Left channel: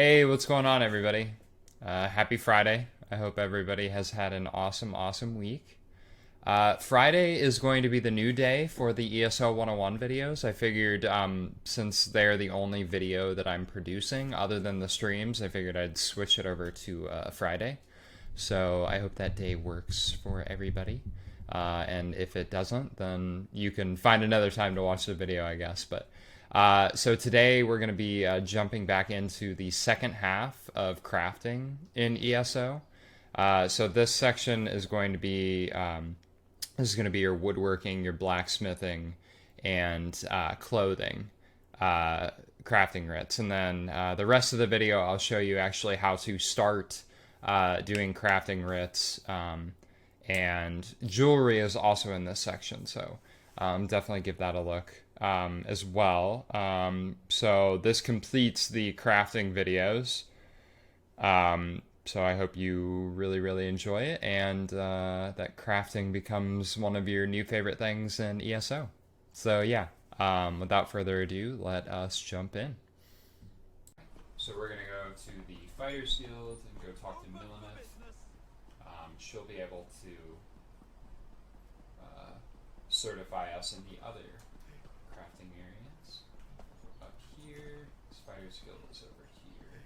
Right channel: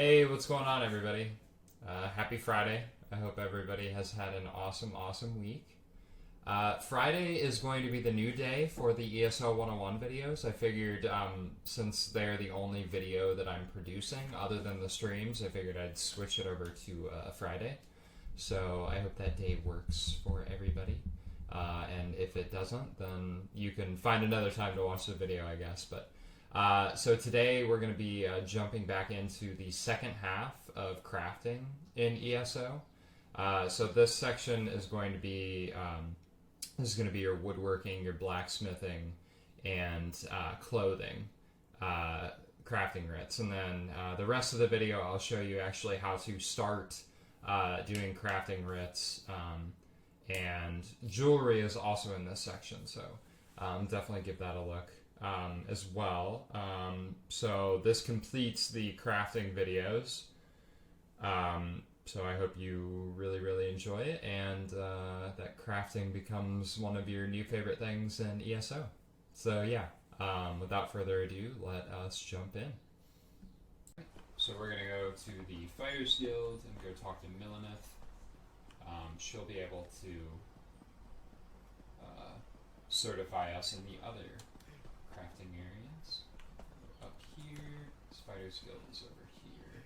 Hey, what's going on, everybody? Happy Friday. I hope everybody has had an awesome week. Friday is going to be the new day for the ESO 101 videos. I figured since they're the only video that I'm producing other than the streams, I figured I'd switch it over to Friday. So I hope that day works for everybody. And if it doesn't, then you can find another time to watch the video, I guess. But so today we're going to be jumping back into the second half of crafting in ESO. So this section is going to be your woodworking, your blacksmithing, and clothing crafting writs, and then the rest of the video I'll show you actually how to start doing crafting writs. And jewelry is also in this section, so definitely give that a look as well. So this completes the crafting videos. So I hope you really enjoy it, and that crafting becomes one of your new favorite things in ESO. So yeah, without further ado, let us jump in. So we're gonna go to the Fighters Guild and go talk to Millenith. She'll be able to certify us in the other crafting areas. Up here, Fighters Guild is over here.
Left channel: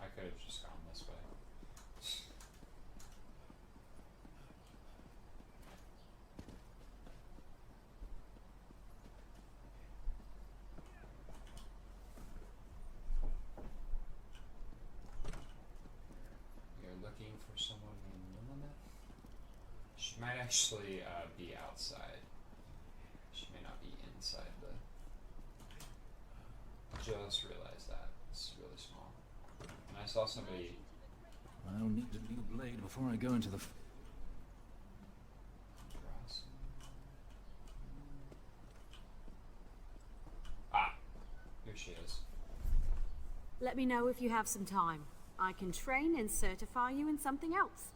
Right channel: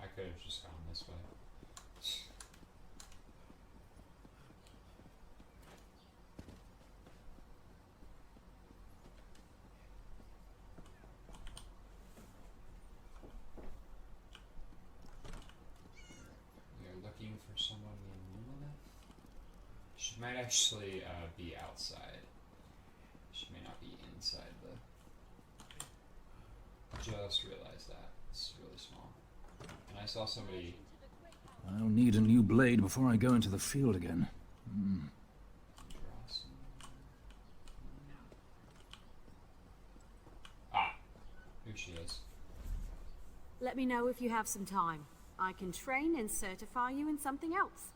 I could have just gone this way. Looking for someone named Millenith. She might actually be outside. She may not be inside the... Just realized that. It's really small. And I saw somebody... I'll need a new blade before I go into the field again. Ah, here she is. Let me know if you have some time. I can train and certify you in something else.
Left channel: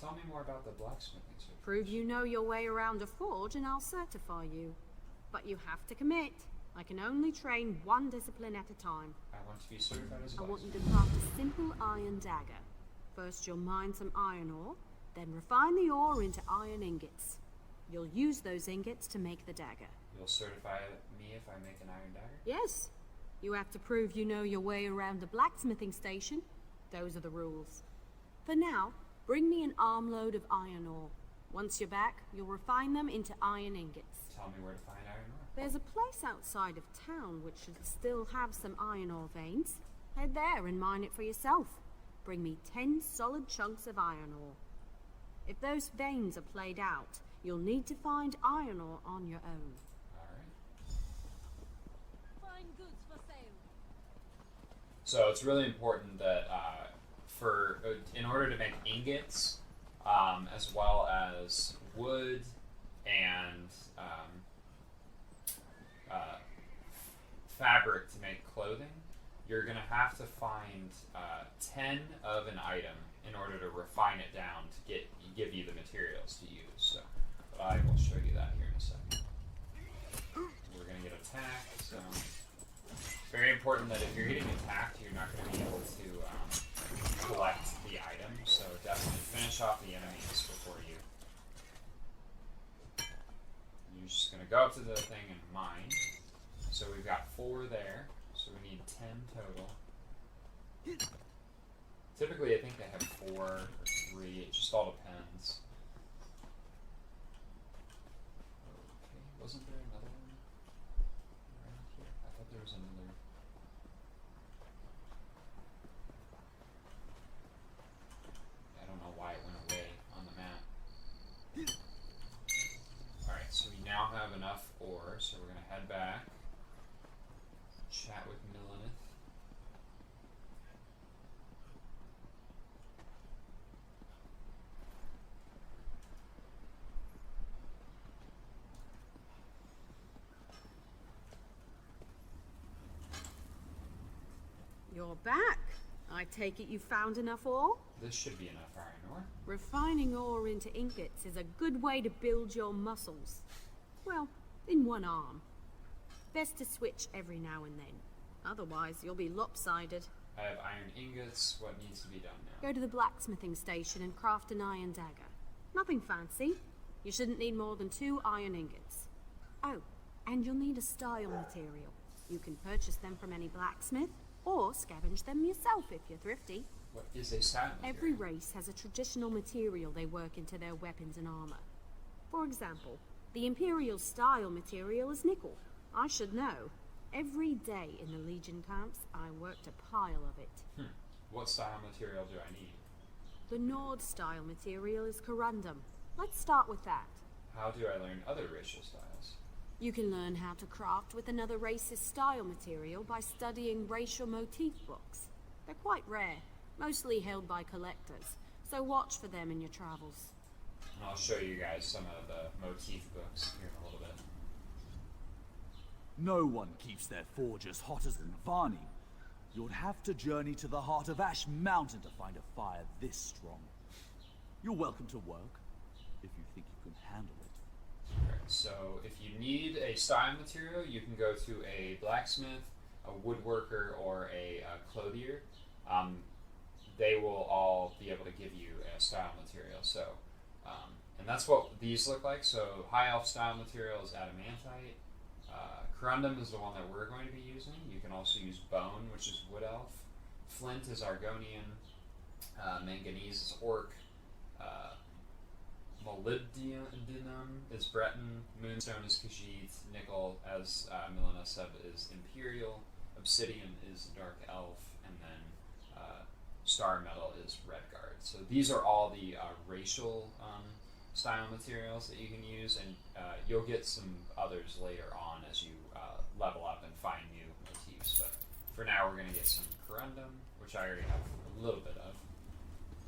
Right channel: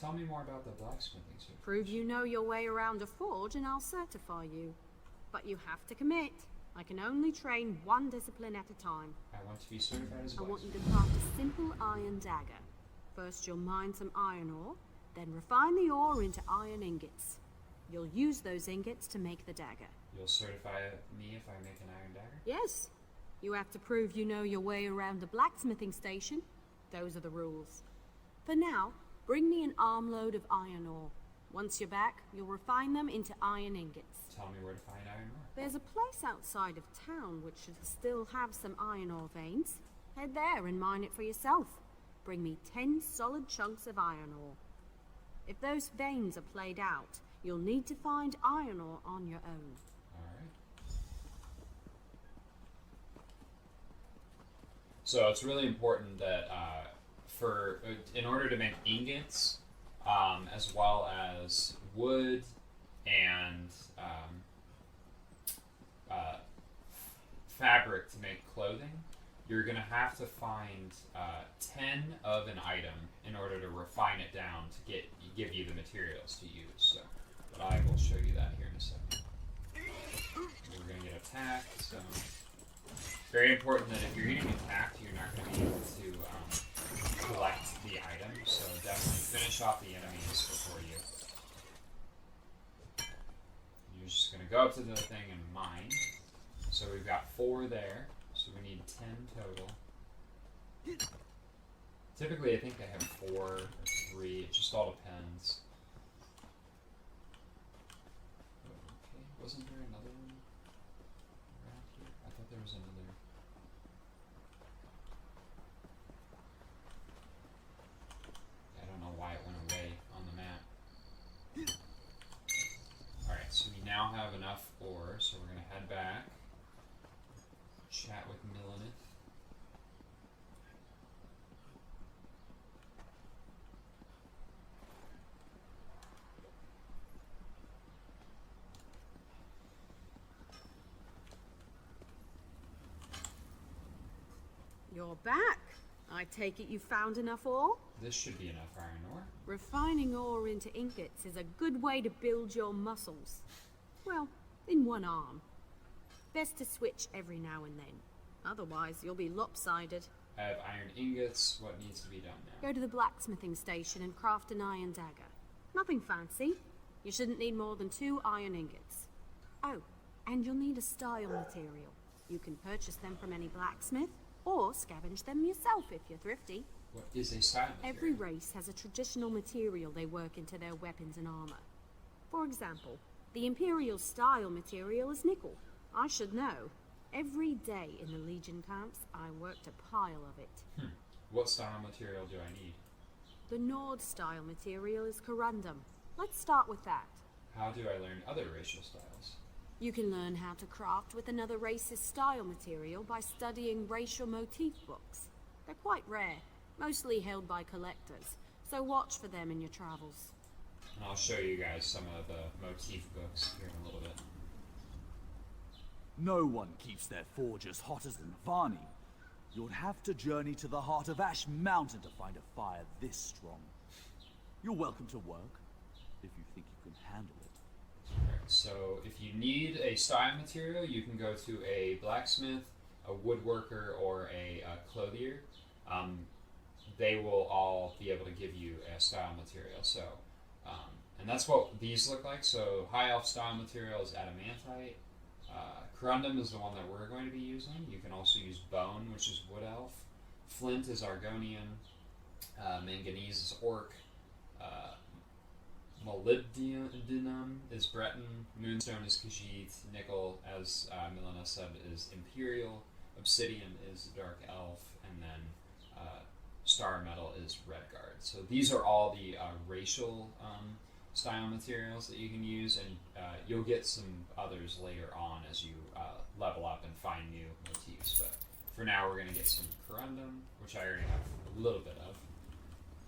Tell me more about the blacksmithing certification. Prove you know your way around a forge and I'll certify you. But you have to commit. I can only train one discipline at a time. I want to be certified as well. I want you to craft a simple iron dagger. First you'll mine some iron ore, then refine the ore into iron ingots. You'll use those ingots to make the dagger. You'll certify me if I make an iron dagger? Yes. You have to prove you know your way around the blacksmithing station. Those are the rules. For now, bring me an armload of iron ore. Once you're back, you'll refine them into iron ingots. Tell me where to find iron ore. There's a place outside of town which should still have some iron ore veins. Head there and mine it for yourself. Bring me 10 solid chunks of iron ore. If those veins are played out, you'll need to find iron ore on your own. So it's really important that in order to make ingots, as well as wood and fabric to make clothing, you're going to have to find 10 of an item in order to refine it down to give you the materials to use. So, but I will show you that here in a second. We're going to get attacked. So. Very important that if you're getting attacked, you're not going to be able to collect the items, so definitely finish off the enemies before you. You're just going to go up to the thing and mine. So we've got 4 there, so we need 10 total. Typically I think they have 4 or 3, it just all depends. Okay, wasn't there another one around here? I thought there was another. Why it went away on the map. Alright, so we now have enough ore, so we're going to head back, chat with Millenith. You're back. I take it you found enough ore? This should be enough iron ore. Refining ore into ingots is a good way to build your muscles. Well, in one arm. Best to switch every now and then. Otherwise, you'll be lopsided. I have iron ingots. What needs to be done now? Go to the blacksmithing station and craft an iron dagger. Nothing fancy. You shouldn't need more than 2 iron ingots. Oh, and you'll need a style material. You can purchase them from any blacksmith, or scavenge them yourself if you're thrifty. What is a style material? Every race has a traditional material they work into their weapons and armor. For example, the Imperial style material is nickel. I should know. Every day in the Legion camps, I worked a pile of it. What style material do I need? The Nord style material is corundum. Let's start with that. How do I learn other racial styles? You can learn how to craft with another race's style material by studying racial motif books. They're quite rare, mostly held by collectors, so watch for them in your travels. And I'll show you guys some of the motif books here in a little bit. No one keeps their forge as hot as Varney. You'd have to journey to the heart of Ash Mountain to find a fire this strong. You're welcome to work, if you think you can handle it. Alright, so if you need a style material, you can go to a blacksmith, a woodworker, or a clothier. They will all be able to give you a style material. So, and that's what these look like. So high elf style material is adamantite. Corundum is the one that we're going to be using. You can also use bone, which is wood elf. Flint is Argonian. Manganese is orc. Molybdenum is Breton. Moonstone is Khajiit. Nickel, as Milena said, is Imperial. Obsidian is Dark Elf. And then Star Metal is Redguard. So these are all the racial style materials that you can use, and you'll get some others later on as you level up and find new motifs. But for now, we're going to get some corundum, which I already have a little bit of.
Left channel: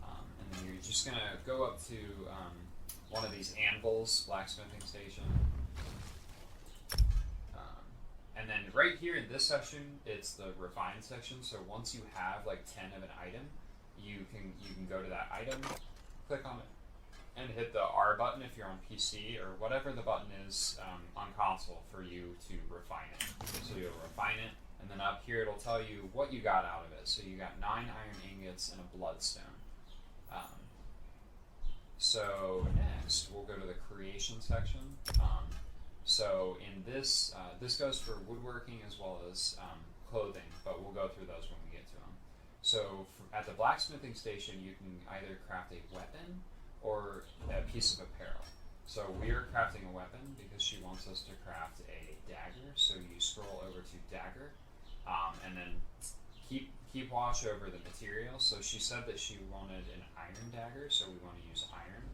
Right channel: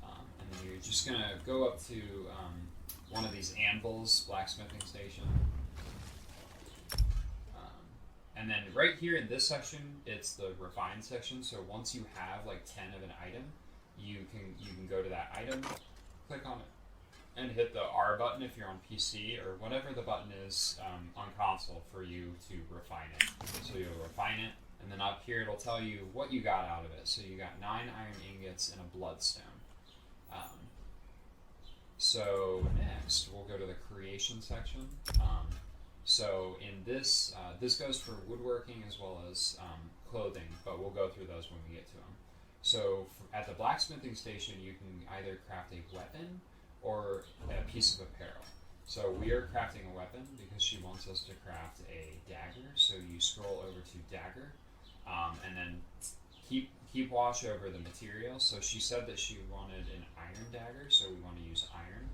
And then you're just going to go up to one of these anvils, blacksmithing station. And then right here in this section, it's the refined section. So once you have like 10 of an item, you can go to that item, click on it, and hit the R button if you're on PC, or whatever the button is on console for you to refine it. So you'll refine it, and then up here it'll tell you what you got out of it. So you got 9 iron ingots and a bloodstone. So next we'll go to the creation section. So in this, this goes for woodworking as well as clothing, but we'll go through those when we get to them. So at the blacksmithing station, you can either craft a weapon or a piece of apparel. So we are crafting a weapon because she wants us to craft a dagger. So you scroll over to dagger, and then keep watch over the material. So she said that she wanted an iron dagger, so we want to use iron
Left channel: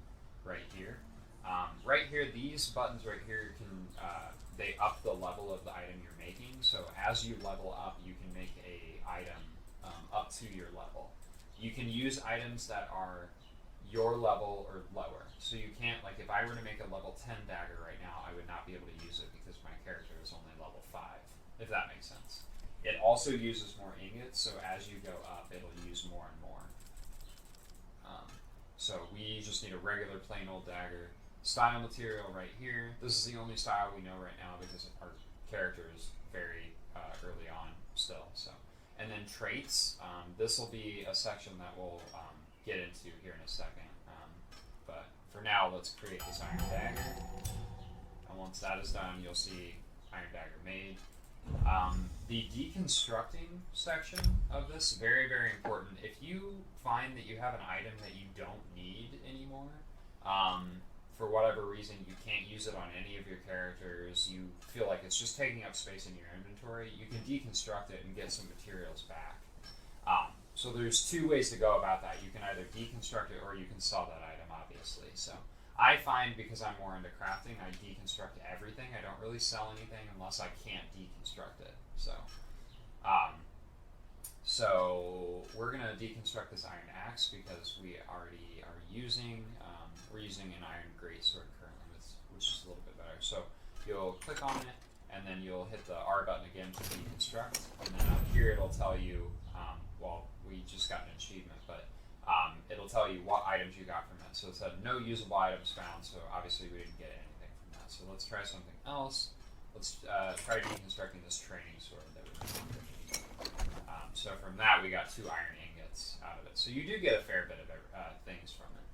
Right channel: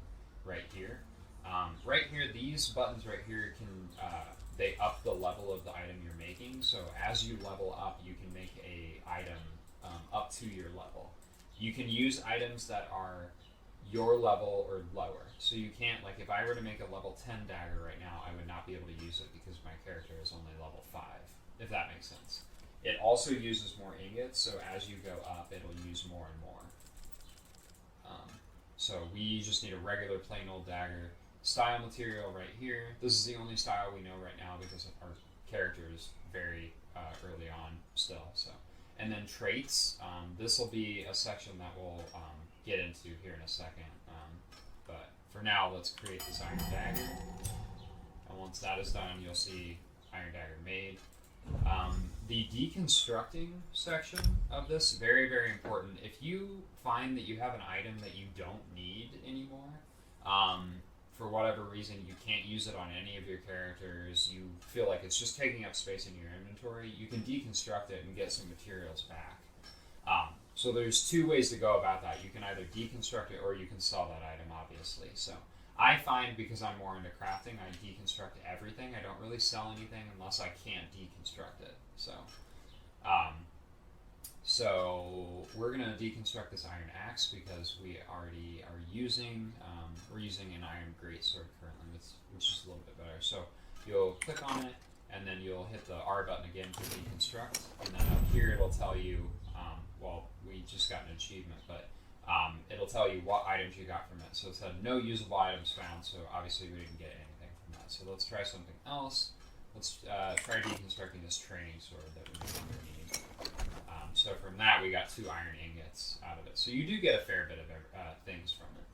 right here. Right here, these buttons right here can they up the level of the item you're making. So as you level up, you can make a item up to your level. You can use items that are your level or lower. So you can't, like if I were to make a level 10 dagger right now, I would not be able to use it because my character is only level 5, if that makes sense. It also uses more ingots, so as you go up, it'll use more and more. So we just need a regular plain old dagger. Style material right here. This is the only style we know right now because our character is very early on still. So, and then traits. This will be a section that we'll get into here in a second. But for now, let's create this iron dagger. And once that is done, you'll see iron dagger made. The deconstructing section of this, very, very important. If you find that you have an item that you don't need anymore, for whatever reason you can't use it on any of your characters, you feel like it's just taking up space in your inventory, you can deconstruct it and get some materials back. So there's 2 ways to go about that. You can either deconstruct it or you can sell that item, obviously. So I find, because I'm more into crafting, I deconstruct everything. I don't really sell anything unless I can't deconstruct it. So we're gonna deconstruct this iron axe because we already are using we're using an iron greatsword currently, which is a little bit better. So you'll click on it, and then you'll hit the R button again to deconstruct, and then up here it'll tell you, well, we just got an achievement, but it'll tell you what items you got from it. So it said no usable items found, so obviously we didn't get anything from that. So let's try something else. let's try deconstructing this training sword that we made. So from that, we got 2 iron ingots out of it. So you do get a fair bit of things from it.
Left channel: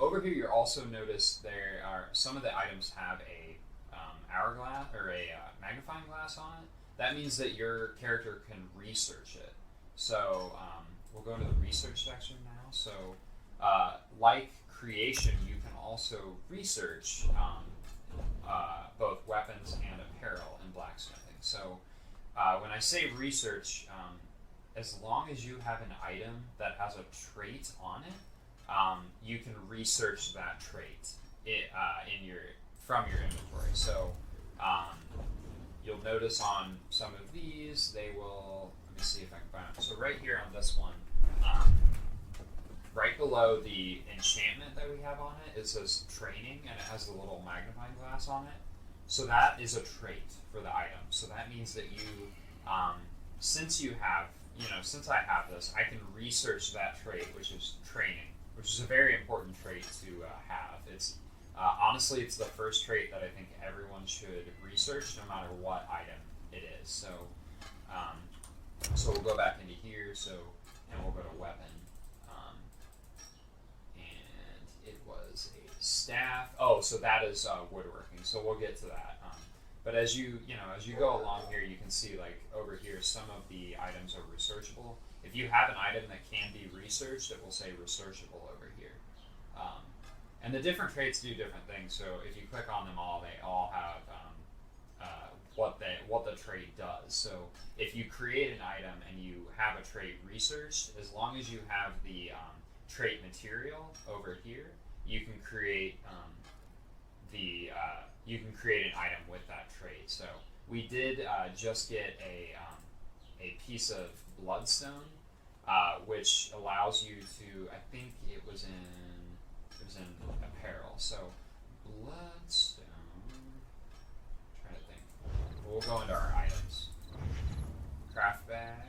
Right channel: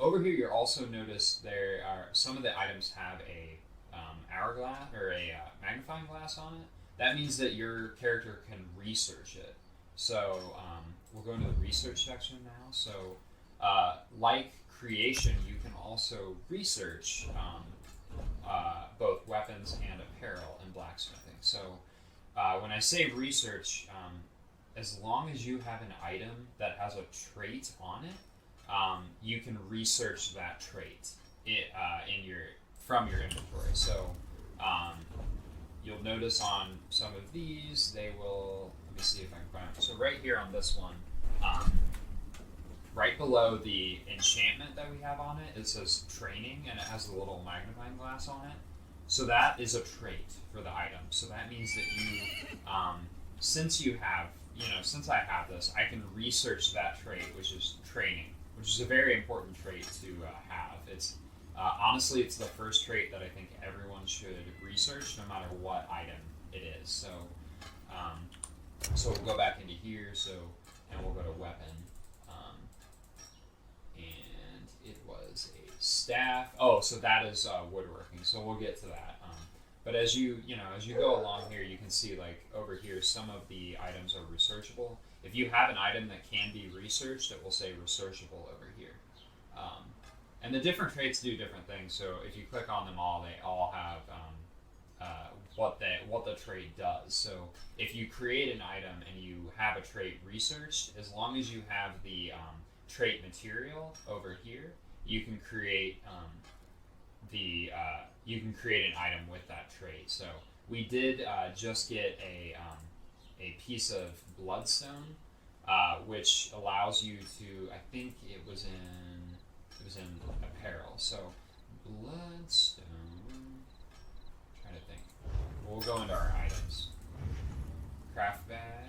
Over here, you'll also notice there are some of the items have a hourglass or a magnifying glass on it. That means that your character can research it. So we'll go into the research section now. So like creation, you can also research both weapons and apparel in blacksmithing. So when I say research, as long as you have an item that has a trait on it, you can research that trait from your inventory. So you'll notice on some of these, they will, let me see if I can find them. So right here on this one, right below the enchantment that we have on it, it says training, and it has a little magnifying glass on it. So that is a trait for the item. So that means that you, since I have this, I can research that trait, which is training, which is a very important trait to have. It's honestly, it's the first trait that I think everyone should research, no matter what item it is. So, so we'll go back into here. And we'll go to weapon, and it was a staff. Oh, so that is woodworking. So we'll get to that. But as you go along here, you can see like over here, some of the items are researchable. If you have an item that can be researched, it will say researchable over here. And the different traits do different things. So if you click on them all, they all have what the trait does. So if you create an item and you have a trait researched, as long as you have the trait material over here, you can create an item with that trait. So we did just get a piece of bloodstone, which allows you to, I think it was in apparel. So bloodstone, I'm trying to think. We'll go into our items. Craft bag.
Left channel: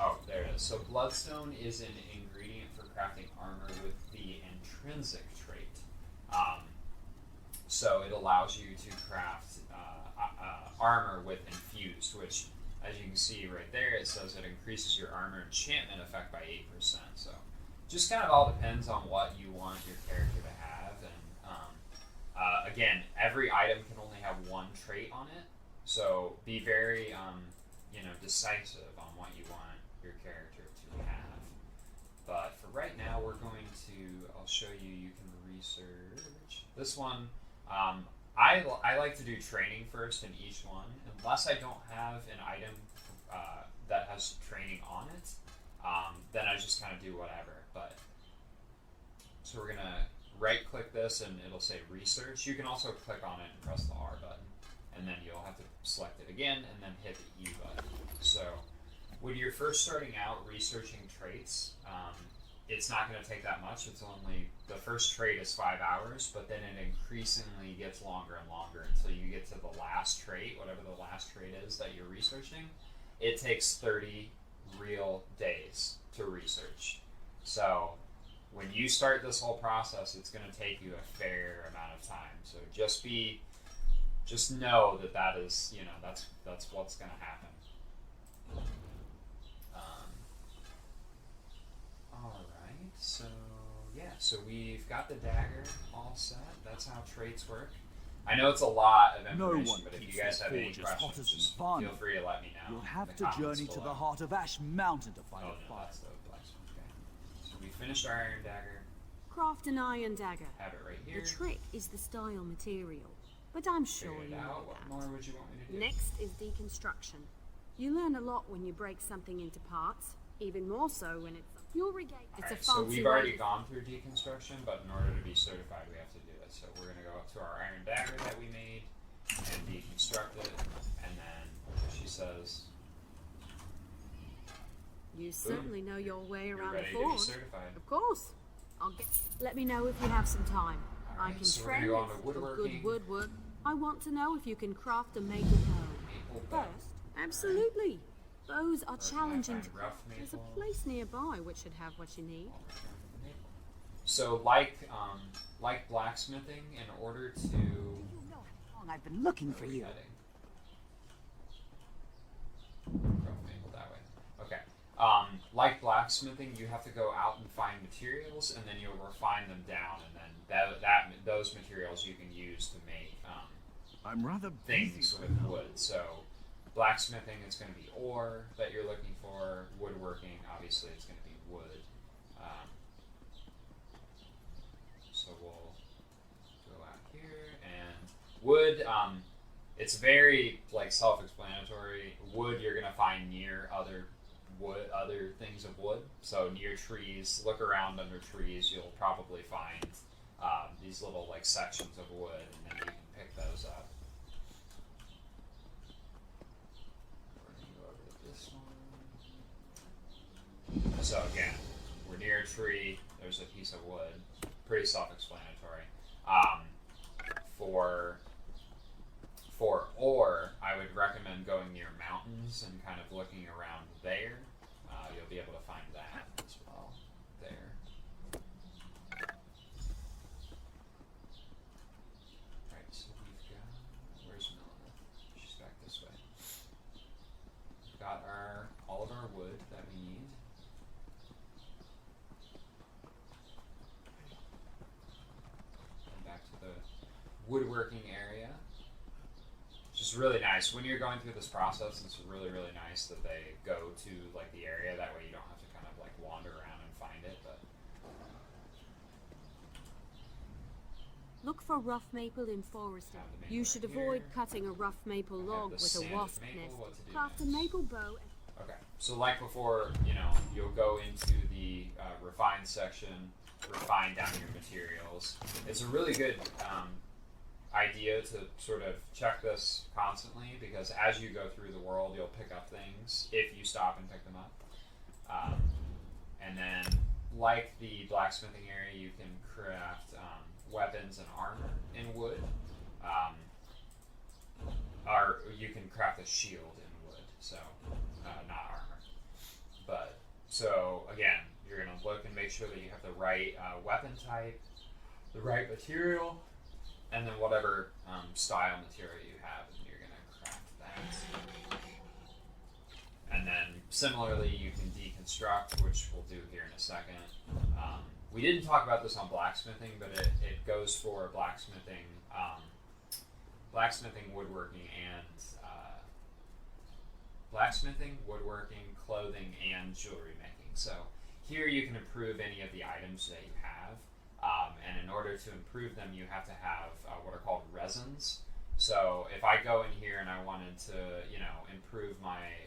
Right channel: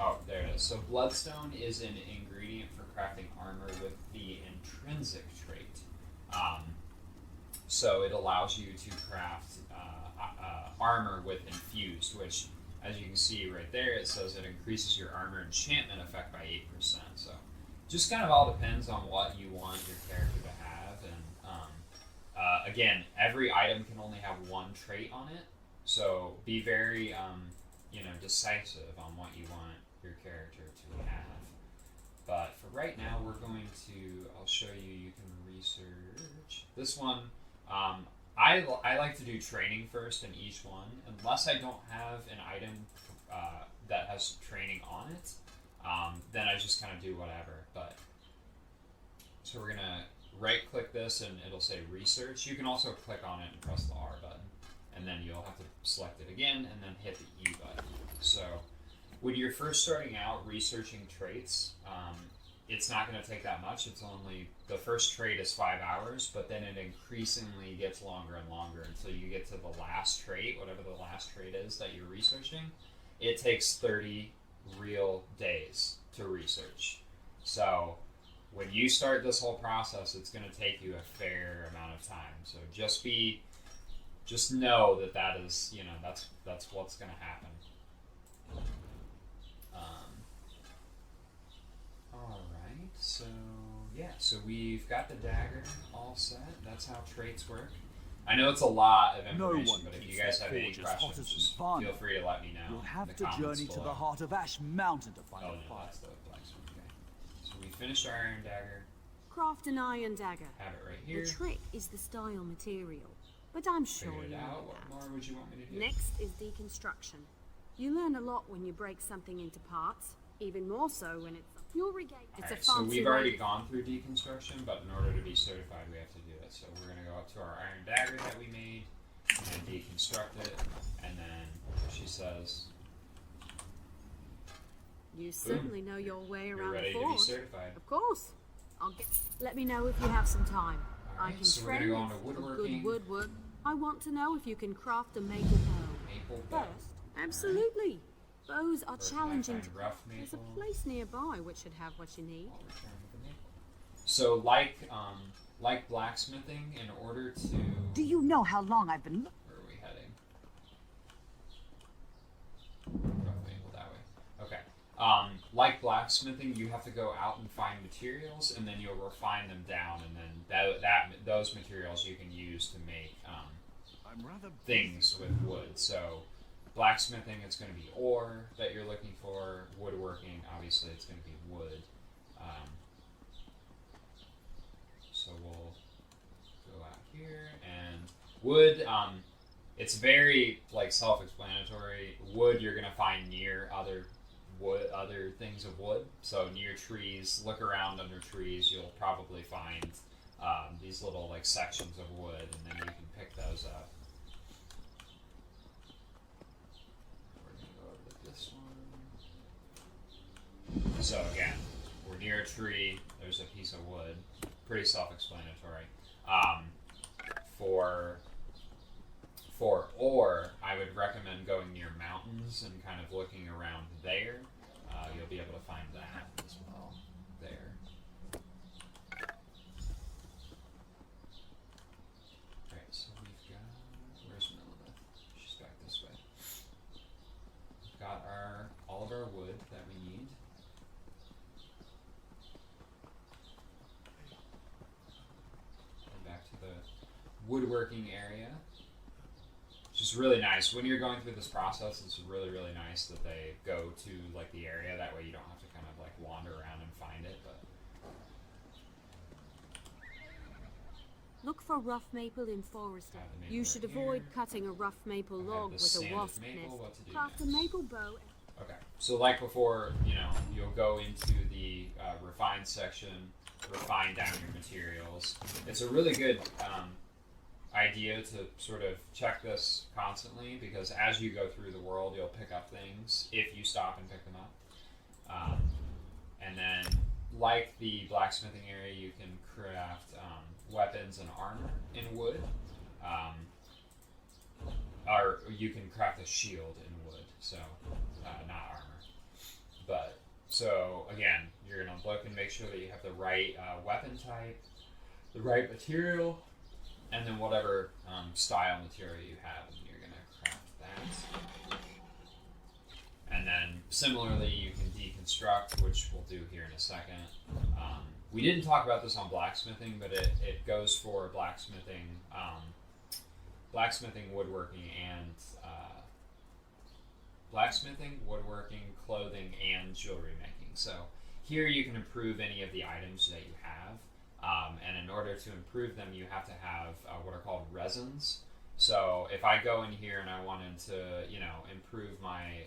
Oh, there it is. So bloodstone is an ingredient for crafting armor with the intrinsic trait. So it allows you to craft armor with infused, which, as you can see right there, it says it increases your armor enchantment effect by 8%. So just kind of all depends on what you want your character to have. And again, every item can only have one trait on it. So be very decisive on what you want your character to have. But for right now, I'll show you, you can research. This one, I like to do training first in each one, unless I don't have an item that has training on it, then I just kind of do whatever. But so we're gonna right click this and it'll say research. You can also click on it and press the R button, and then you'll have to select it again and then hit the E button. So when you're first starting out researching traits, it's not going to take that much. It's only, the first trait is 5 hours, but then it increasingly gets longer and longer until you get to the last trait, whatever the last trait is that you're researching. It takes 30 real days to research. So when you start this whole process, it's going to take you a fair amount of time. So just know that is, that's what's going to happen. So we've got the dagger all set. That's how traits work. I know it's a lot of information, but if you guys have any questions, just feel free to let me know. You'll have to journey to the heart of Ash Mountain to find a fire. That's the blacksmith. Okay. So we finished our iron dagger. Craft an iron dagger. Have it right here. The trick is the style material, but I'm sure you know What that. more would you want me to do? Next is deconstruction. You learn a lot when you break something into parts, even more so when it's jewelry gate. It's a fancy so we've already gone through deconstruction, but in order to be certified, we have to do it. So we're going to go up to our iron dagger that we made and deconstruct it, and then she says, you certainly know your way around ready the to be forge. certified. Of course. Let me know if you have some time. All I right, can so train we're gonna you go on to for woodworking. good woodwork. I want to know if you can craft a maple bow. Maple bow. First, absolutely. Bows are Where can I challenging find to rough craft. There's a maple? place nearby which should have what you need. I'll return to the maple. So like blacksmithing, in order to Do you know how long I've been looking for you? Rough maple that way. Okay. Like blacksmithing, you have to go out and find materials, and then you'll refine them down, and then those materials you can use to make I'm rather things with wood. So blacksmithing, it's going to be ore that you're looking for. Woodworking, obviously, it's going to be wood. So we'll go out here, and wood. It's very like self-explanatory. Wood you're going to find near other things of wood. So near trees, look around under trees. You'll probably find these little like sections of wood, and then you can pick those up. We're gonna go over to this one. So again, we're near a tree. There's a piece of wood. Pretty self-explanatory. For ore, I would recommend going near mountains and kind of looking around there. You'll be able to find that as well there. Alright, so we've got, where's Melina? She's back this way. We've got all of our wood that we need. And back to the woodworking area. It's really nice when you're going through this process. It's really nice that they go to like the area, that way you don't have to kind of like wander around and find it. But Look for rough maple in forest. Have the maple You right should here. avoid cutting a rough maple have log the with a sanded wasp maple, nest. what to do Craft a next? maple bow. Okay, so like before, you'll go into the refine section, refine down your materials. It's a really good idea to sort of check this constantly, because as you go through the world, you'll pick up things if you stop and pick them up. And then, like the blacksmithing area, you can craft weapons and armor in wood. Or you can craft a shield in wood, so not armor. But so again, you're gonna look and make sure that you have the right weapon type, the right material, and then whatever style material you have, and you're gonna craft that. And then similarly, you can deconstruct, which we'll do here in a second. We didn't talk about this on blacksmithing, but it goes for blacksmithing, woodworking, and clothing, and jewelry making. So here you can improve any of the items that you have. And in order to improve them, you have to have what are called resins. So if I go in here and I wanted to, improve my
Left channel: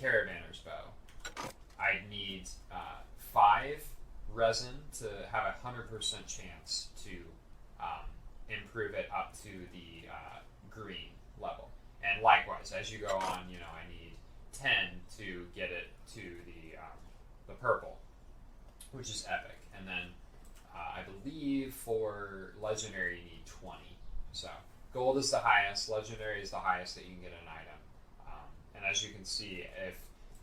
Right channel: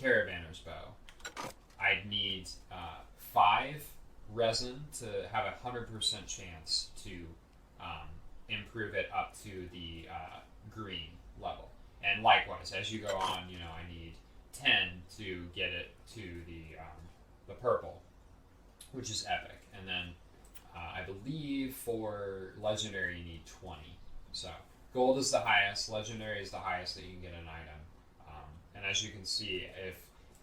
caravanner's bow, I'd need 5 resin to have a 100% chance to improve it up to the green level. And likewise, as you go on, I need 10 to get it to the purple, which is epic. And then I believe for legendary you need 20. So gold is the highest, legendary is the highest that you can get an item. And as you can see, if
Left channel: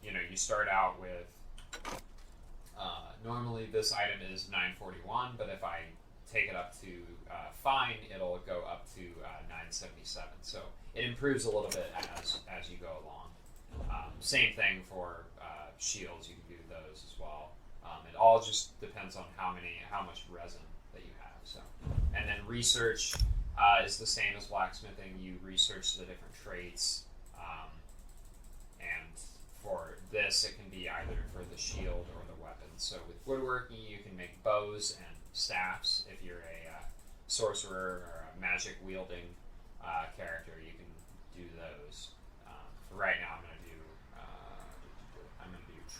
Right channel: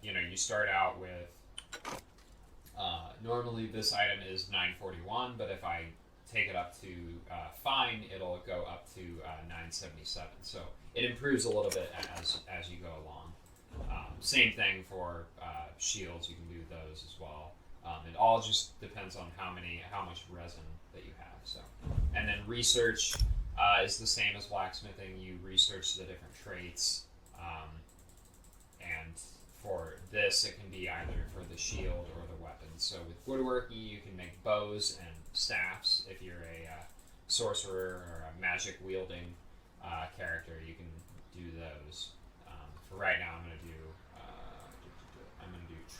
you start out with normally this item is 941, but if I take it up to fine, it'll go up to 977. So it improves a little bit as you go along. Same thing for shields, you can do those as well. It all just depends on how much resin that you have. So, and then research is the same as blacksmithing. You research the different traits, and for this, it can be either for the shield or the weapons. So with woodworking, you can make bows and staffs. If you're a sorcerer or a magic wielding character, you can do those. For right now, I'm going to do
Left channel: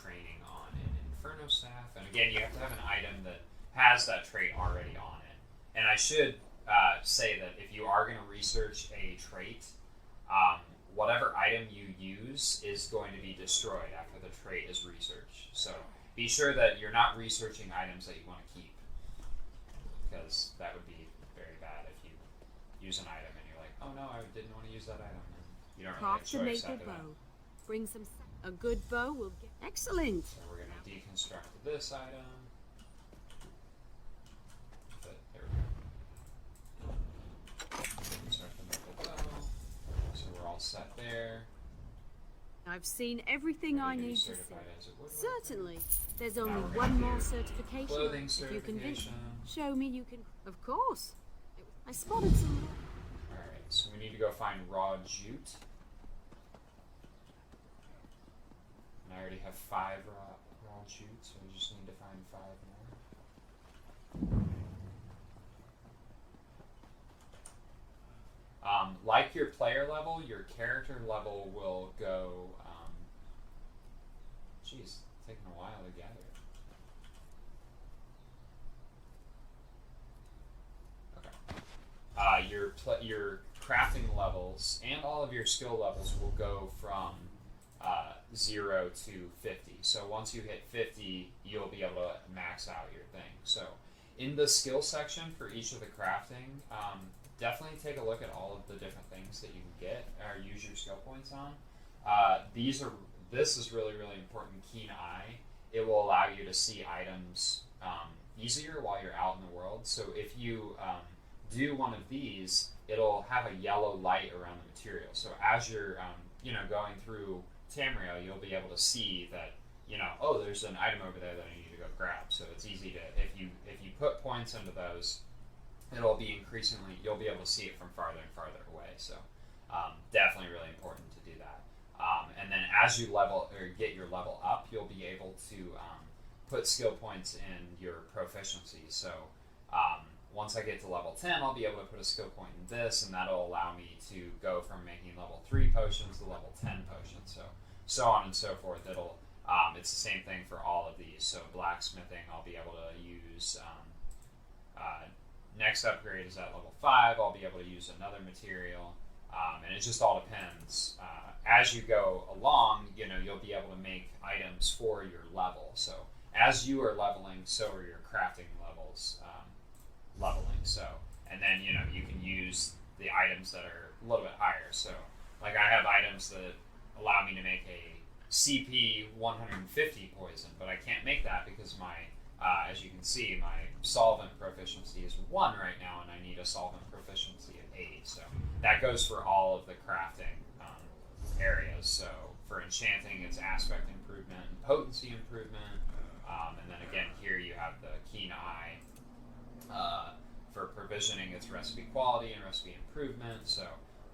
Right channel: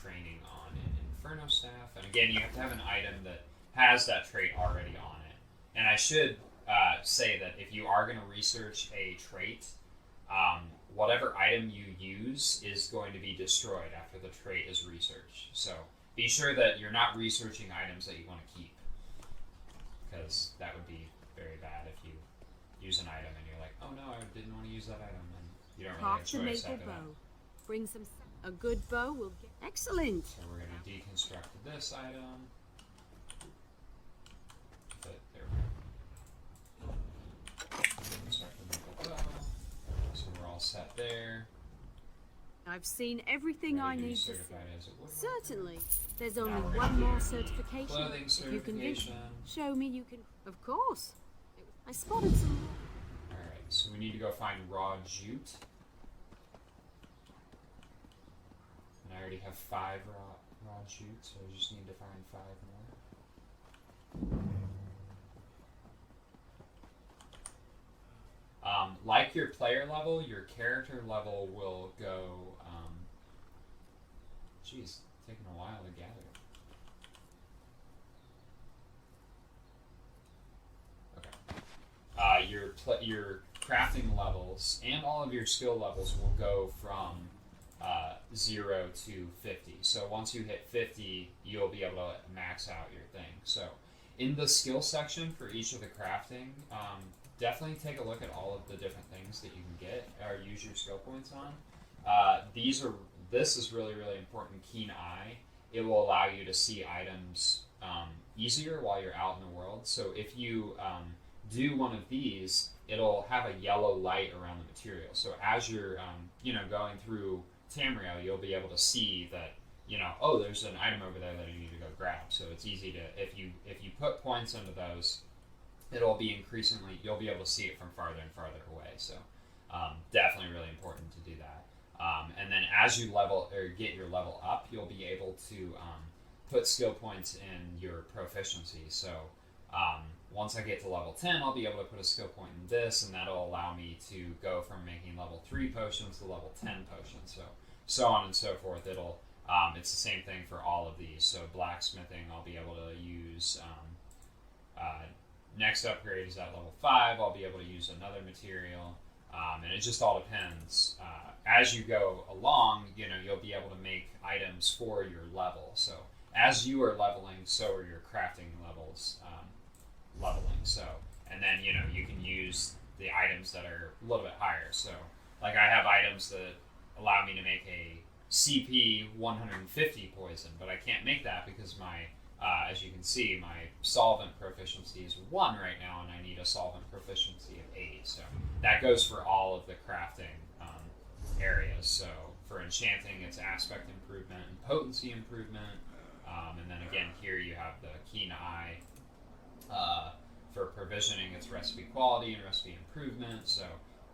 training on an Inferno staff, and again, you have to have an item that has that trait already on it. And I should say that if you are going to research a trait, whatever item you use is going to be destroyed after the trait is researched. So be sure that you're not researching items that you want to keep, because that would be very bad if you use an item and you're like, oh no, I didn't want to use that item, and you don't really have a Craft a choice maple after that. bow. Bring some. A good bow will get. Excellent. So we're going to deconstruct this item. set there. I've seen everything I Ready to be need to see. certified as a woodworker. Certainly. There's only Now we're one gonna more do certification. clothing If you convince me. certification. Show me you can. Of course. I spotted some. Alright, so we need to go find raw jute. And I already have 5 raw jute, so I just need to find 5 more. Like your player level, your character level will go, geez, taking a while to gather. Okay. Your crafting levels and all of your skill levels will go from 0 to 50. So once you hit 50, you'll be able to max out your thing. So in the skill section for each of the crafting, definitely take a look at all of the different things that you can get or use your skill points on. This is really, really important. Keen eye. It will allow you to see items easier while you're out in the world. So if you do one of these, it'll have a yellow light around the material. So as you're going through Tamriel, you'll be able to see that oh, there's an item over there that I need to go grab. So it's easy to if you put points into those, it'll be increasingly, you'll be able to see it from farther and farther away. So definitely really important to do that. And then as you level or get your level up, you'll be able to put skill points in your proficiency. So once I get to level 10, I'll be able to put a skill point in this, and that'll allow me to go from making level 3 potions to level 10 potions. So on and so forth. It's the same thing for all of these. So blacksmithing, I'll be able to use. Next upgrade is at level 5. I'll be able to use another material, and it just all depends. As you go along, you'll be able to make items for your level. So as you are leveling, so are your crafting levels leveling. So, and then you can use the items that are a little bit higher. So, like I have items that allow me to make a CP 150 poison, but I can't make that because my as you can see, my solvent proficiency is 1 right now, and I need a solvent proficiency of 80. So that goes for all of the crafting areas. So for enchanting, it's aspect improvement and potency improvement. And then again, here you have the keen eye. For provisioning, it's recipe quality and recipe improvement. So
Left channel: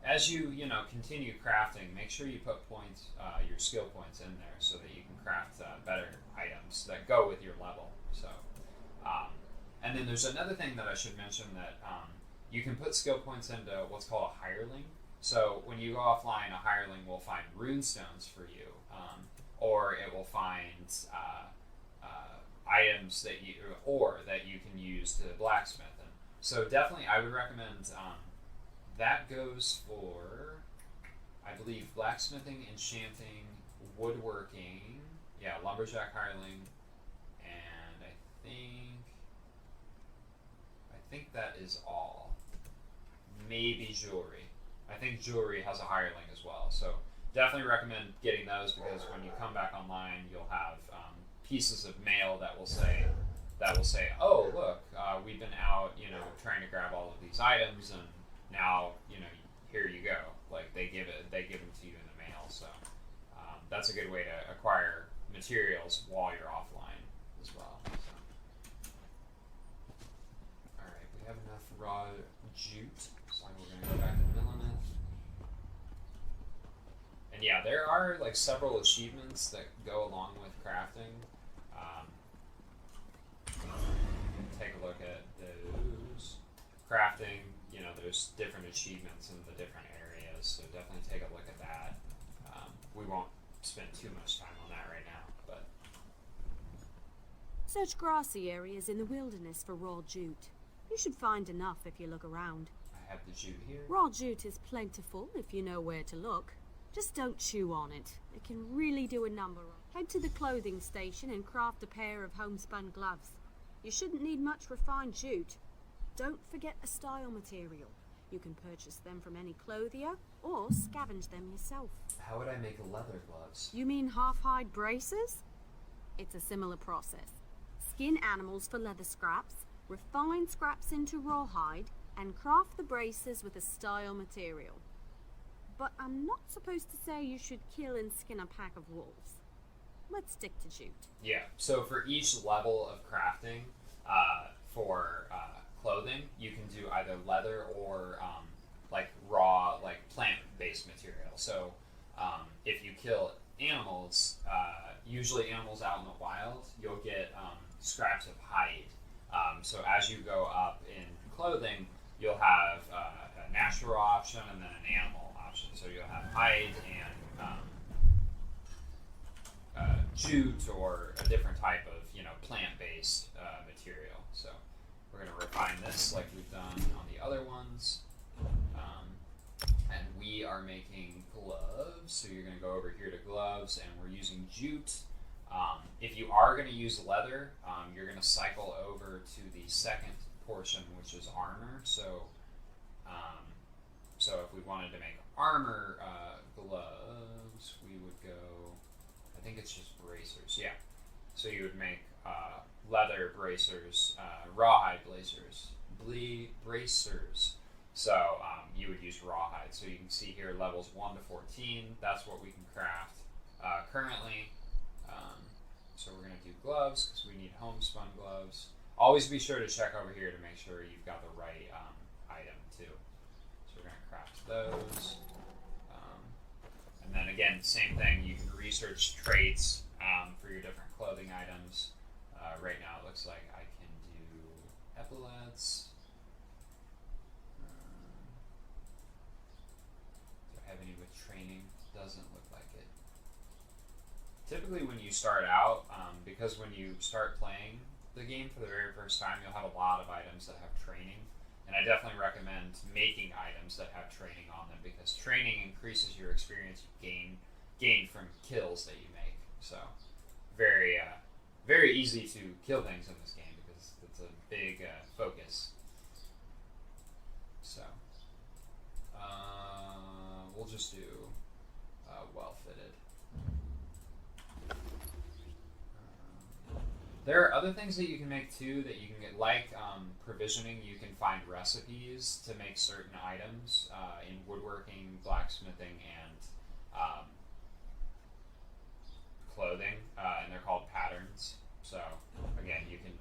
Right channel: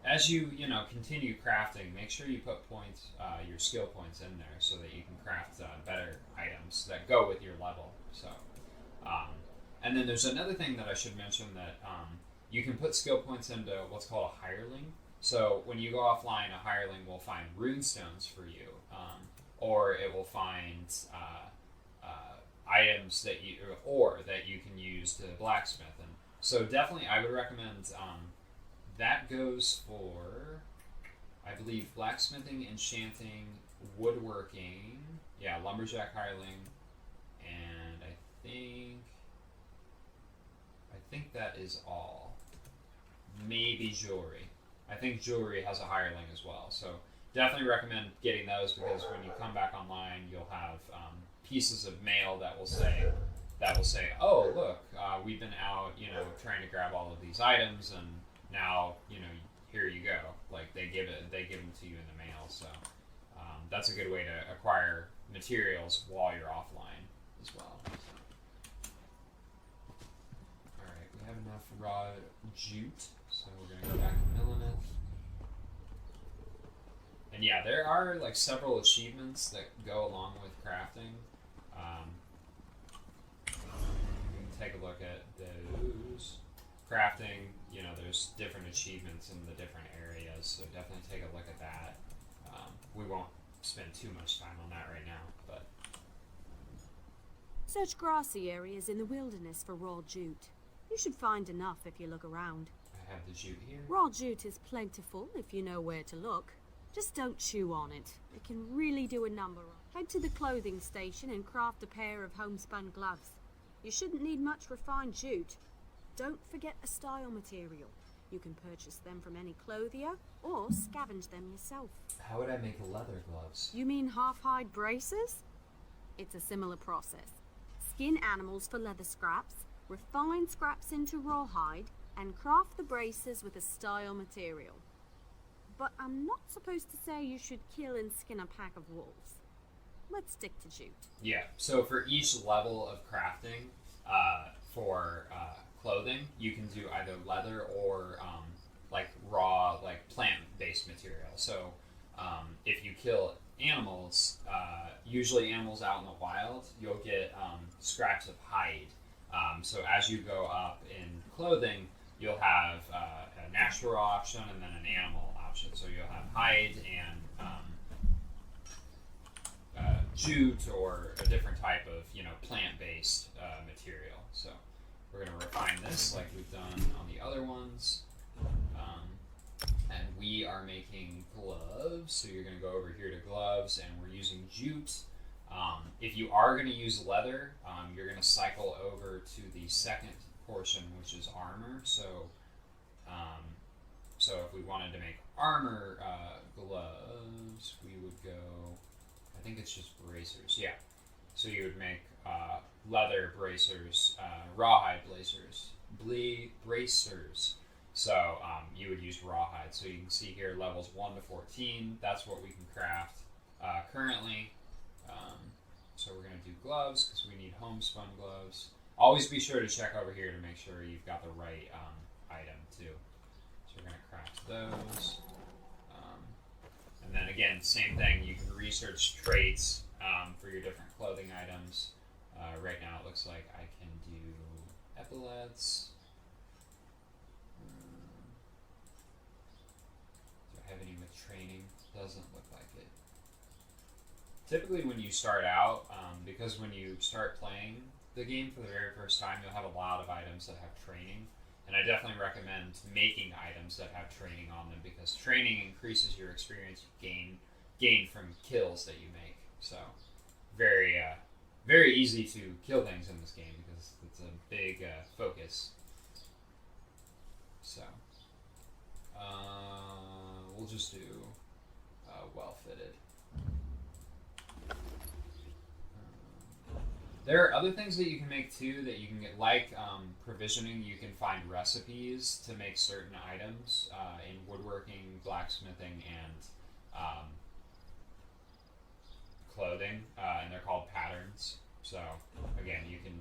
as you continue crafting, make sure you put points, your skill points in there, so that you can craft better items that go with your level. So, and then there's another thing that I should mention that you can put skill points into what's called a hireling. So when you go offline, a hireling will find rune stones for you, or it will find items that you can use to blacksmith. And so definitely, I would recommend that goes for, I believe, blacksmithing, enchanting, woodworking, lumberjack hireling, and I think that is all. Maybe jewelry. I think jewelry has a hireling as well. So definitely recommend getting those, because when you come back online, you'll have pieces of mail that will say, oh, look, we've been out, trying to grab all of these items, and now, here you go. Like they give them to you in the mail. So that's a good way to acquire materials while you're offline as well. All right, we have enough raw jute, so we're gonna go back to milling it. And yeah, there are like several achievements that go along with crafting. Take a look at those. Crafting, there's different achievements in the different areas, so definitely take a look at that. We won't spend too much time on that right now, but... Search grassy areas in the wilderness for raw jute. You should find enough if you look around. I have the jute here. Raw jute is plentiful if you know where to look. Just don't chew on it. It can really do a number on. Head to the clothing station and craft a pair of homespun gloves. You shouldn't need much refined jute. Don't forget a style material. You can purchase them from any clothier or scavenge them yourself. How would I make leather gloves? You mean half-hide braces? It's a similar process. Skin animals for leather scraps, refine scraps into rawhide, and craft the braces with a style material. but I'm not supposed to say you should kill and skin a pack of wolves. Let's stick to jute. Yeah, so for each level of crafting, for clothing, you can do either leather or like raw, like plant-based material. So if you kill animals, usually animals out in the wild, you'll get scraps of hide. So as you go up in clothing, you'll have a natural option and then an animal option. So you'll have hide and jute or a different type of plant-based material. So we're going to refine this like we've done on the other ones. And we are making gloves. So you're going to go over here to gloves, and we're using jute. If you are going to use leather, you're going to cycle over to the second portion, which is armor. So if we wanted to make armor gloves, we would go, I think it's just bracers, yeah. So you would make leather bracers, rawhide bracers. So you would use rawhide. So you can see here levels 1 to 14. That's what we can craft currently. So we're going to do gloves because we need homespun gloves. Always be sure to check over here to make sure you've got the right item too. So we're going to craft those. And then again, same thing. You can research traits for your different clothing items. Right now it looks like I can do epaulets. Do I have any with training? Doesn't look like it. Typically when you start out, because when you start playing the game for the very first time, you'll have a lot of items that have training. And I definitely recommend making items that have training on them because training increases your experience gained from kills that you make. So very very easy to kill things in this game because it's a big focus. So we'll just do well fitted. There are other things that you can make too that you can get, like provisioning. You can find recipes to make certain items in woodworking, blacksmithing, and clothing, and they're called patterns. So again, you can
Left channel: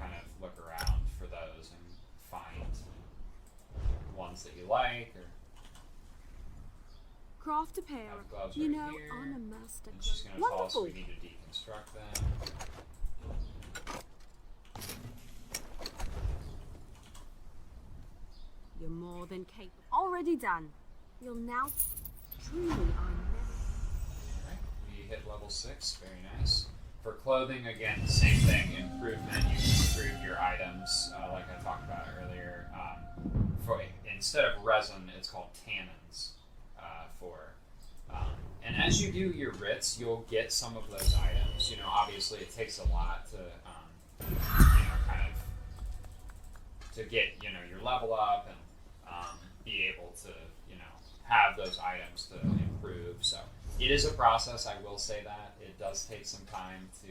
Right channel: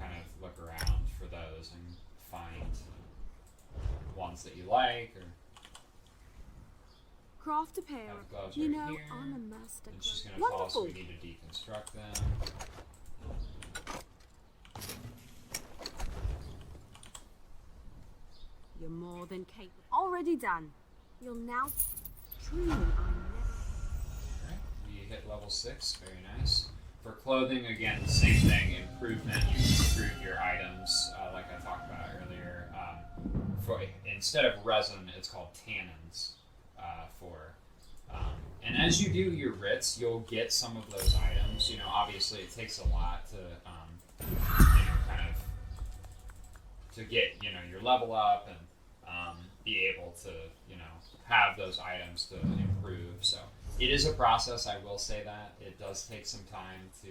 kind of look around for those and find ones that you like. Or Craft a pair have of, gloves you right know, here. I'm a master It's just craft. going to tell us Wonderful. we need to deconstruct them. You're more than capable. Already done. You'll now. Truly, I never. Alright, we hit level 6, very nice. For clothing, again, same thing, improvement. You can improve your items, like I talked about earlier. Instead of resin, it's called tannins. And as you do your writs, you'll get some of those items. Obviously it takes a lot to, kind of, to get, your level up and be able to, have those items to improve. So it is a process, I will say that. It does take some time to,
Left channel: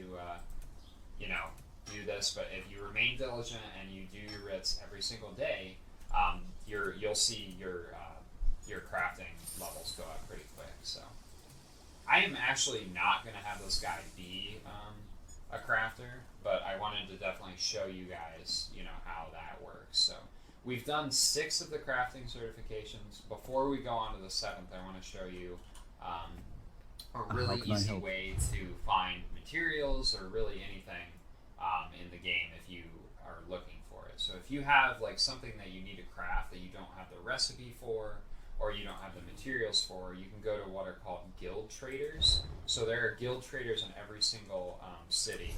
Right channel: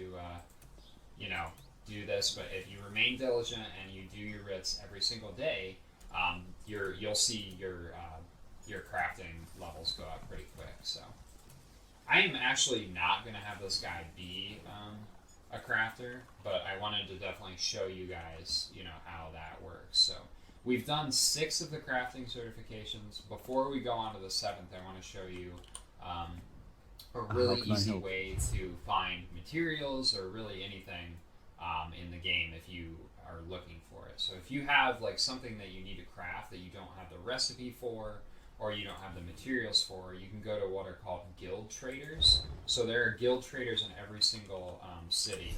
do this, but if you remain diligent and you do your writs every single day, you'll see your crafting levels go up pretty quick. So I am actually not going to have this guy be a crafter, but I wanted to definitely show you guys, how that works. So we've done 6 of the crafting certifications. Before we go on to the 7th, I want to show you a really easy way to find materials or really anything in the game if you are looking for it. So if you have like something that you need to craft that you don't have the recipe for, or you don't have the materials for, you can go to what are called guild traders. So there are guild traders in every single city.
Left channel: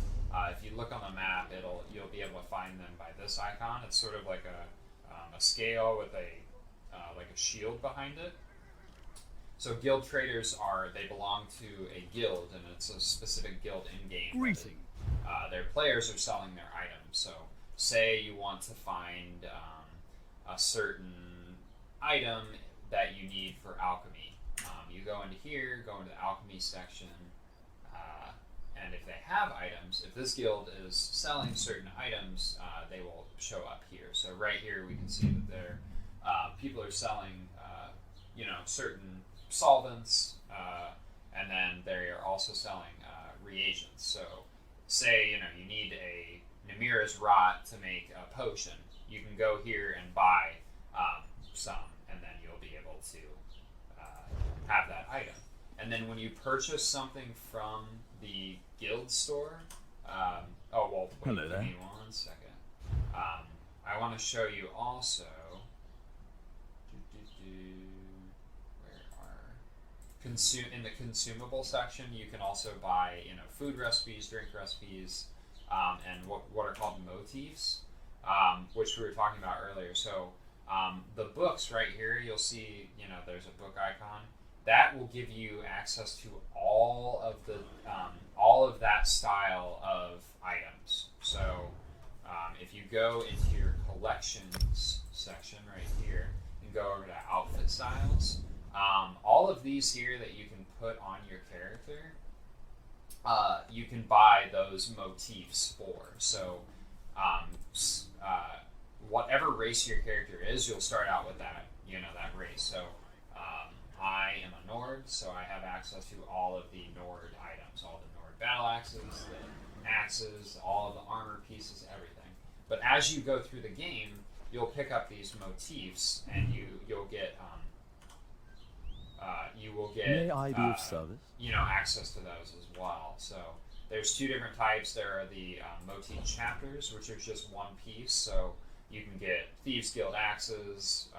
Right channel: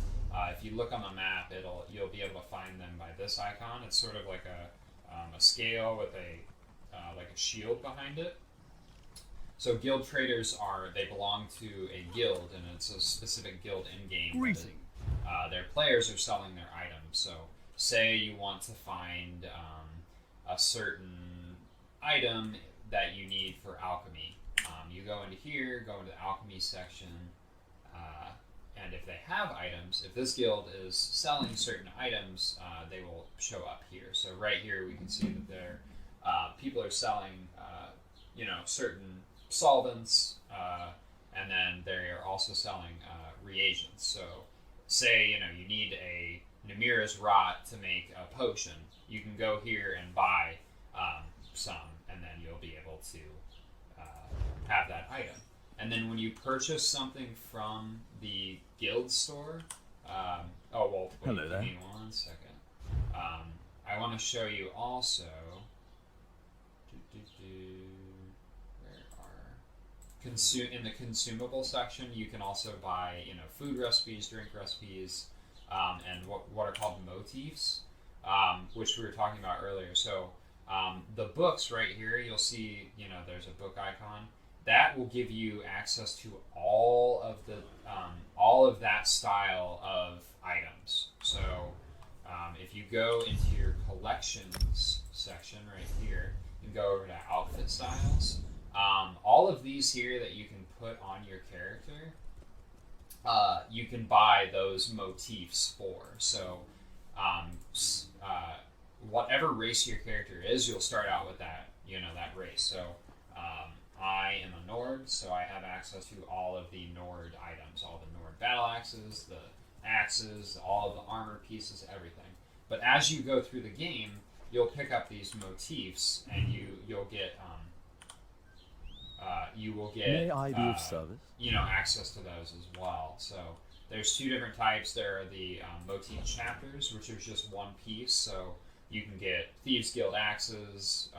If you look on the map, you'll be able to find them by this icon. It's sort of like a scale with like a shield behind it. So guild traders they belong to a guild, and it's a specific guild in game. Greeting. Their players are selling their items. So say you want to find a certain item that you need for alchemy. You go into here, go into the alchemy section, and if they have items, if this guild is selling certain items, they will show up here. So right here we can see that people are selling you know, certain solvents, and then they are also selling reagents. So, say, you know, you need a Namira's rot to make a potion, you can go here and buy some, and then you'll be able to have that item. And then when you purchase something from the guild store, Hello there. Give me 1 second. I want to show you also. In the consumable section, you can also buy, you know, food recipes, drink recipes, and what are called motifs, which we were talking about earlier. So the books right here, you'll see, you know, there's a book icon. That will give you access to all of that style of items. So if you go into your collections section right here and go over to outfit styles, all of these here that you can put on your character, you can buy those motifs for. So whatever race your character is, you'll start out with that, you know, that race. So I am a Nord, so I have access to all of the Nord items, all the Nord battle axes, the axes, all of the armor pieces, everything. But as you go through the game, you'll pick up these motifs, and you'll get May I be of service? You know, access to those as well. So there's two different types. There are the motif chapters, which are just one piece. So you can get Thieves Guild axes,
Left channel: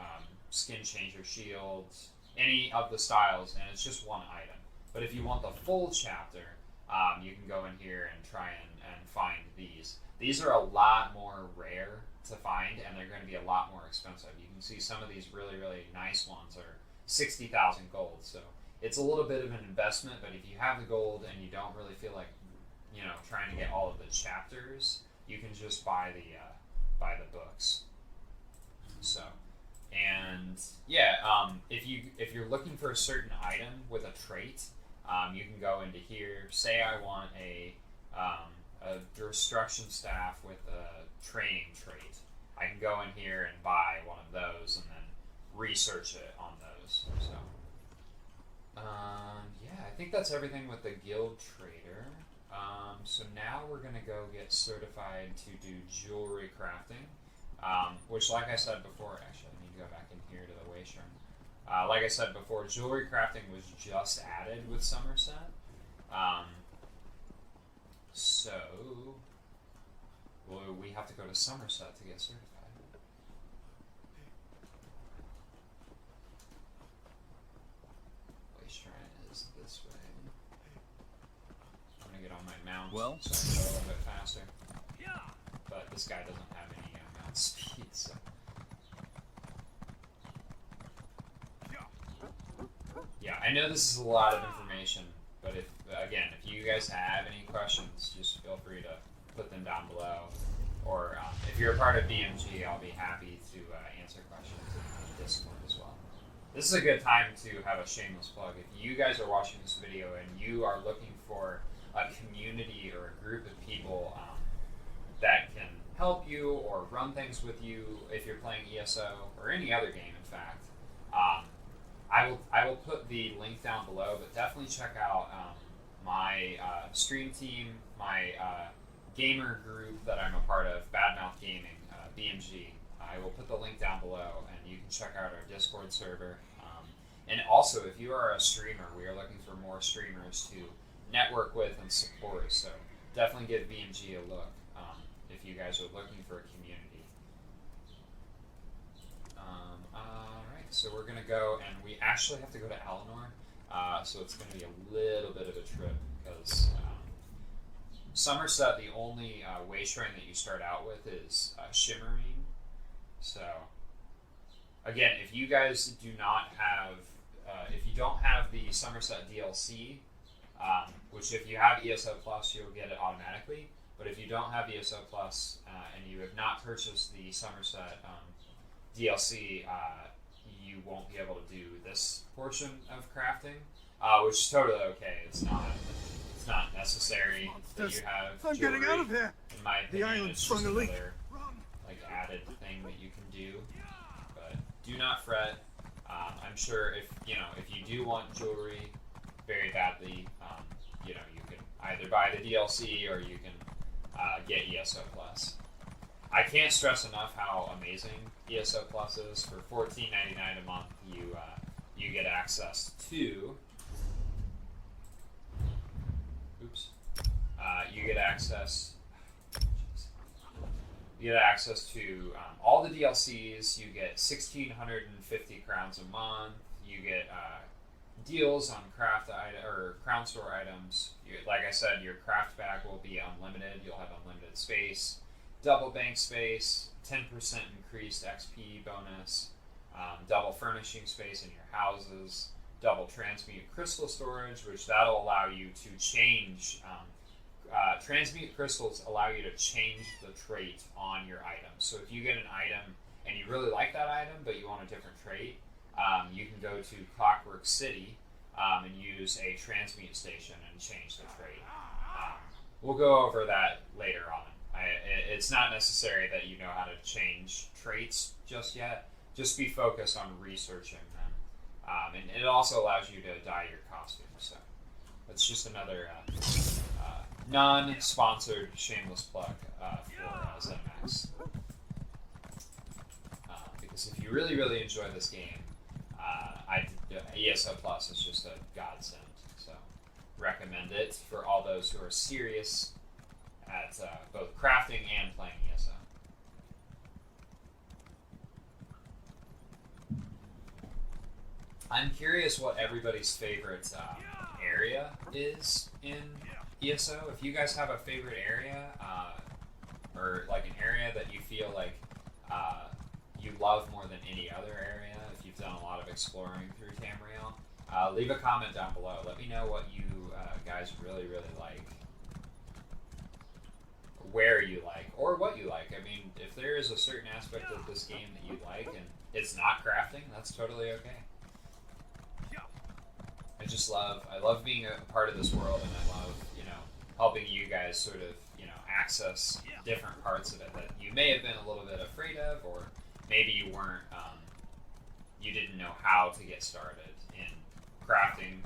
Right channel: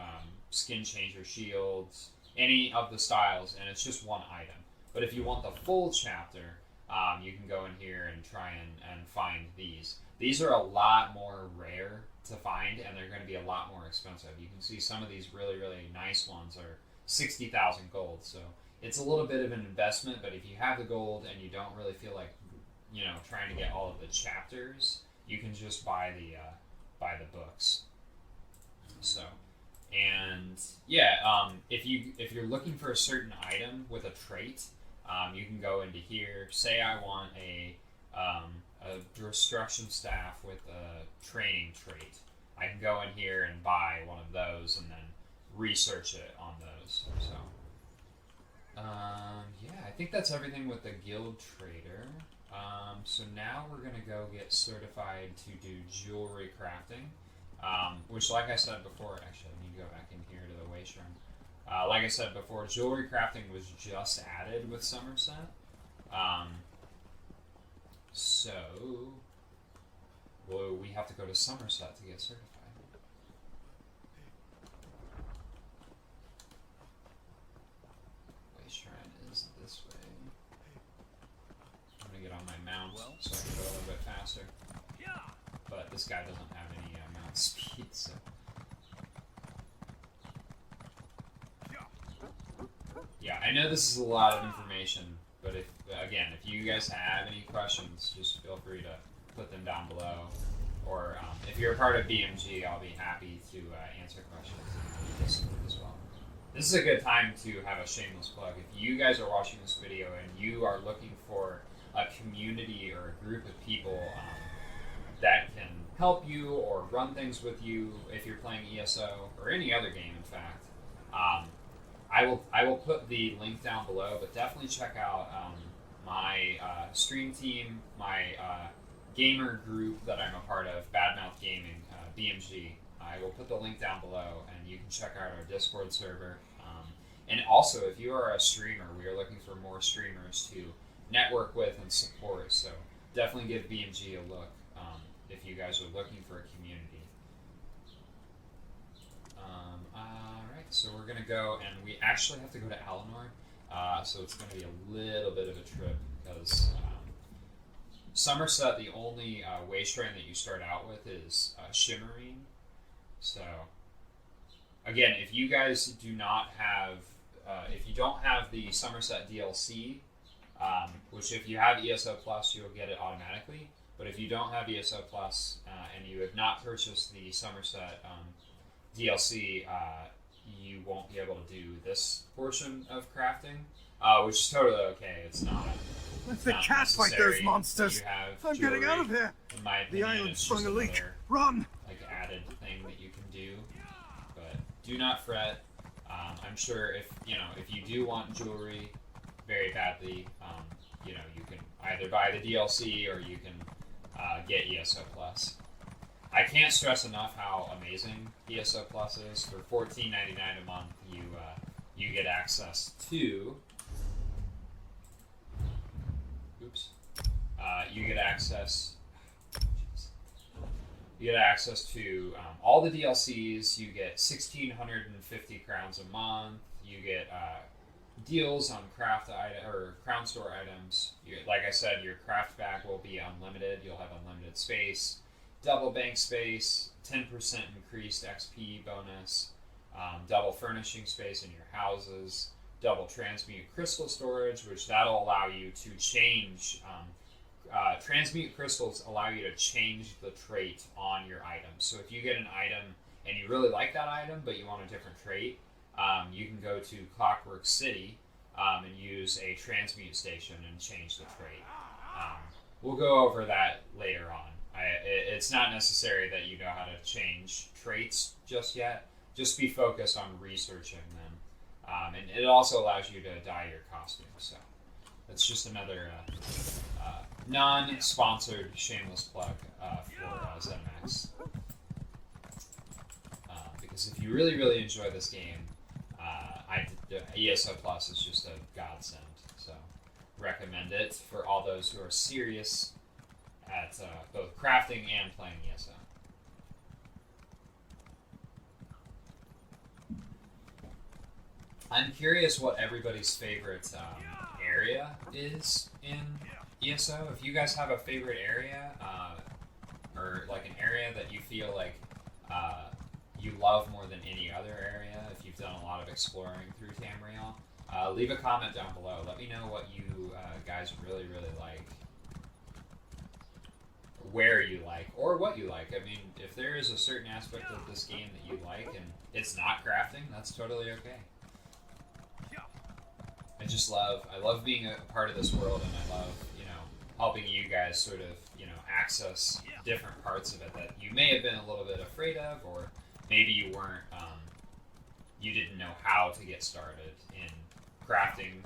skin changer shields, any of the styles, and it's just one item. But if you want the full chapter, you can go in here and try and find these. These are a lot more rare to find, and they're going to be a lot more expensive. You can see some of these really, really nice ones are 60,000 gold. So it's a little bit of an investment, but if you have the gold and you don't really feel like, you know, trying to get all of the chapters, you can just buy the books. So, and yeah, if you're looking for a certain item with a trait, you can go into here. Say I want a destruction staff with a training trait. I can go in here and buy one of those and then research it on those. So, yeah, I think that's everything with the guild trader. So now we're gonna go get certified to do jewelry crafting, which, like I said before, actually, let me go back in here to the way shrine. Like I said before, jewelry crafting was just added with Somerset. So we have to go to Somerset to get certified. Way shrine is this way. I'm gonna get on my mount so I can go a little bit faster. But this guy doesn't have any mount speed, so. Yeah, I know this is a lot of information, but if you guys have any questions, just feel free to put them down below. Or if you're a part of BMG, I'll be happy to answer questions in Discord as well. This is a good time to have a shameless plug. If you guys are watching this video and you are looking for a community or a group of people that can help you or run things with you if you're playing ESO or any other game, in fact, I will put the link down below, but definitely check out my stream team, my gamer group that I'm a part of, Badmouth Gaming, BMG. I will put the link down below, and you can check out our Discord server. And also, if you are a streamer, we are looking for more streamers to network with and support, so definitely give BMG a look if you guys are looking for a community. Alright, so we're going to go, and we actually have to go to Alinor, so it's going to be a little bit of a trip, because Somerset, the only way shrine that you start out with is Shimmerine. So, again, if you guys do not have, if you don't have the Somerset DLC, which if you have ESO Plus, you'll get it automatically. But if you don't have ESO Plus and you have not purchased the Somerset DLC, you won't be able to do this portion of crafting, which is totally okay. It's not. Let the cat fight those monsters. I'm getting out of here. The island sprung a leak. Run! Like added thing that you can do, but do not fret. I I'm sure if you do want jewelry very badly, you can either buy the DLC or you can get ESO Plus. I can't stress enough how amazing ESO Plus is. For $14.99 a month, you get access to. You get access. You get access to all the DLCs. You get 1,650 crowns a month. You get deals on Crown Store items. Like I said, your craft bag will be unlimited. You'll have unlimited space, double bank space, 10% increased XP bonus, double furnishing space in your houses, double transmute crystal storage, which that'll allow you to change. Transmute crystals allow you to change the trait on your item. So if you get an item and you really like that item, but you want a different trait, you can go to Clockwork City and use a transmute station and change the trait. We'll go over that later on. It's not necessary that you know how to change traits just yet. Just be focused on researching them. And it also allows you to dye your costume. So that's just another non-sponsored shameless plug for ZeniMax. Because if you really, really enjoy this game, ESO Plus is just a godsend. So recommend it for all those who are serious at both crafting and playing ESO. I'm curious what everybody's favorite area is in ESO. If you guys have a favorite area, or like an area that you feel like you love more than any other area, if you've done a lot of exploring through Tamriel, leave a comment down below. Let me know what you guys really, really like, where you like, or what you like. I mean, if there is a certain aspect of this game that you like and it's not crafting, that's totally okay. I love being a part of this world, and I love, helping you guys sort of, access different parts of it that you may have been a little bit afraid of, or maybe you weren't, you didn't know how to get started in crafting,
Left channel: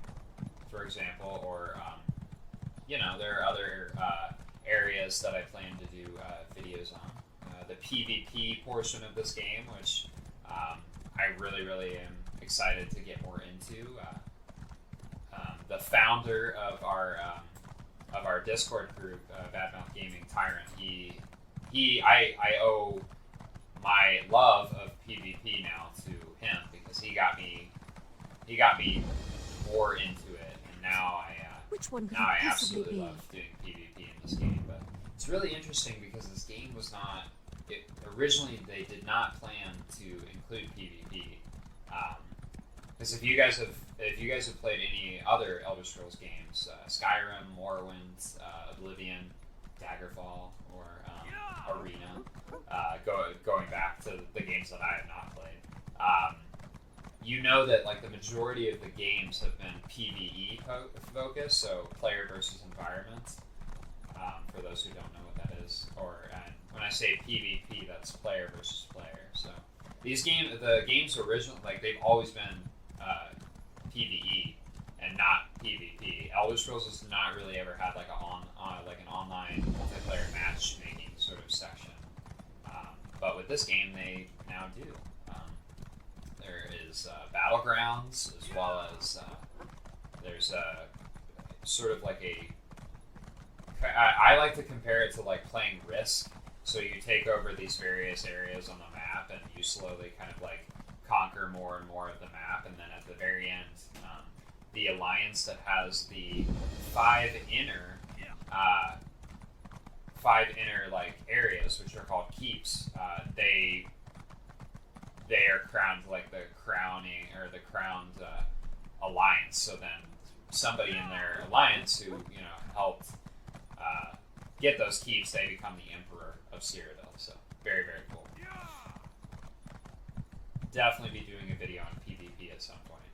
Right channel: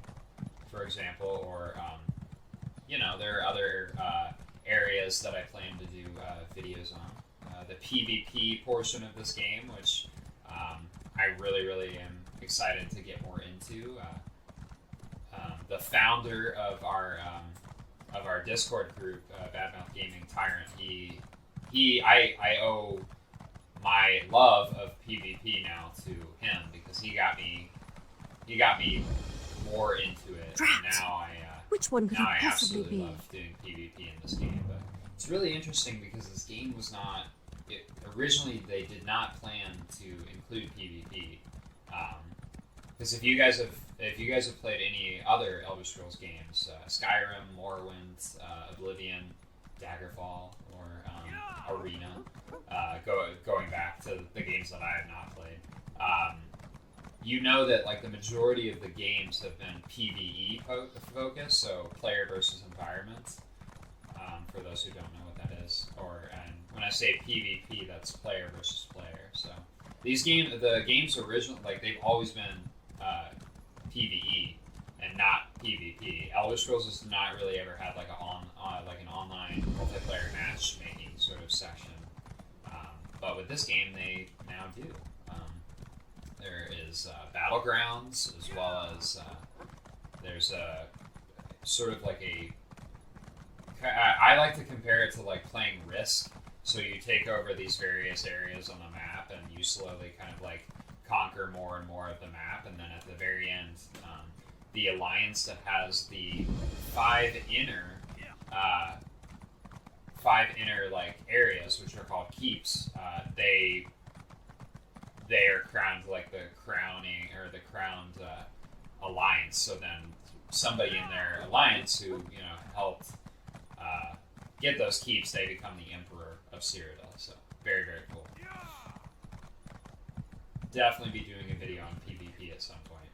for example, or, there are other areas that I plan to do videos on. The PvP portion of this game, which I really, really am excited to get more into. The founder of our Discord group, Badmouth Gaming Tyrant, I owe my love of PvP now to him, because he got me more into it. Now Which one could I it possibly absolutely be? love doing PvP in this game. But it's really interesting because this game was not. Originally, they did not plan to include PvP. Because if you guys have played any other Elder Scrolls games, Skyrim, Morrowind, Oblivion, Daggerfall, or Arena, going back to the games that I have not played, you know that like the majority of the games have been PvE focused, so player versus environment. For those who don't know what that is, and when I say PvP, that's player versus player. So the games originally, like they've always been PvE and not PvP. Elder Scrolls has not really ever had like an online multiplayer matchmaking sort of section, but with this game they now do. There is Battlegrounds, as well as there's a sort of like I like to compare it to like playing Risk. So you take over these various areas on the map, and you slowly kind of like conquer more and more of the map, and then at the very end, the alliance that has the five inner like areas, which are called keeps, they are crowned like the crowning or the crowned alliance. So then somebody in their alliance who helped get those keeps, they become the Emperor of Cyrodiil. So very, very cool. Definitely be doing a video on PvP at some point.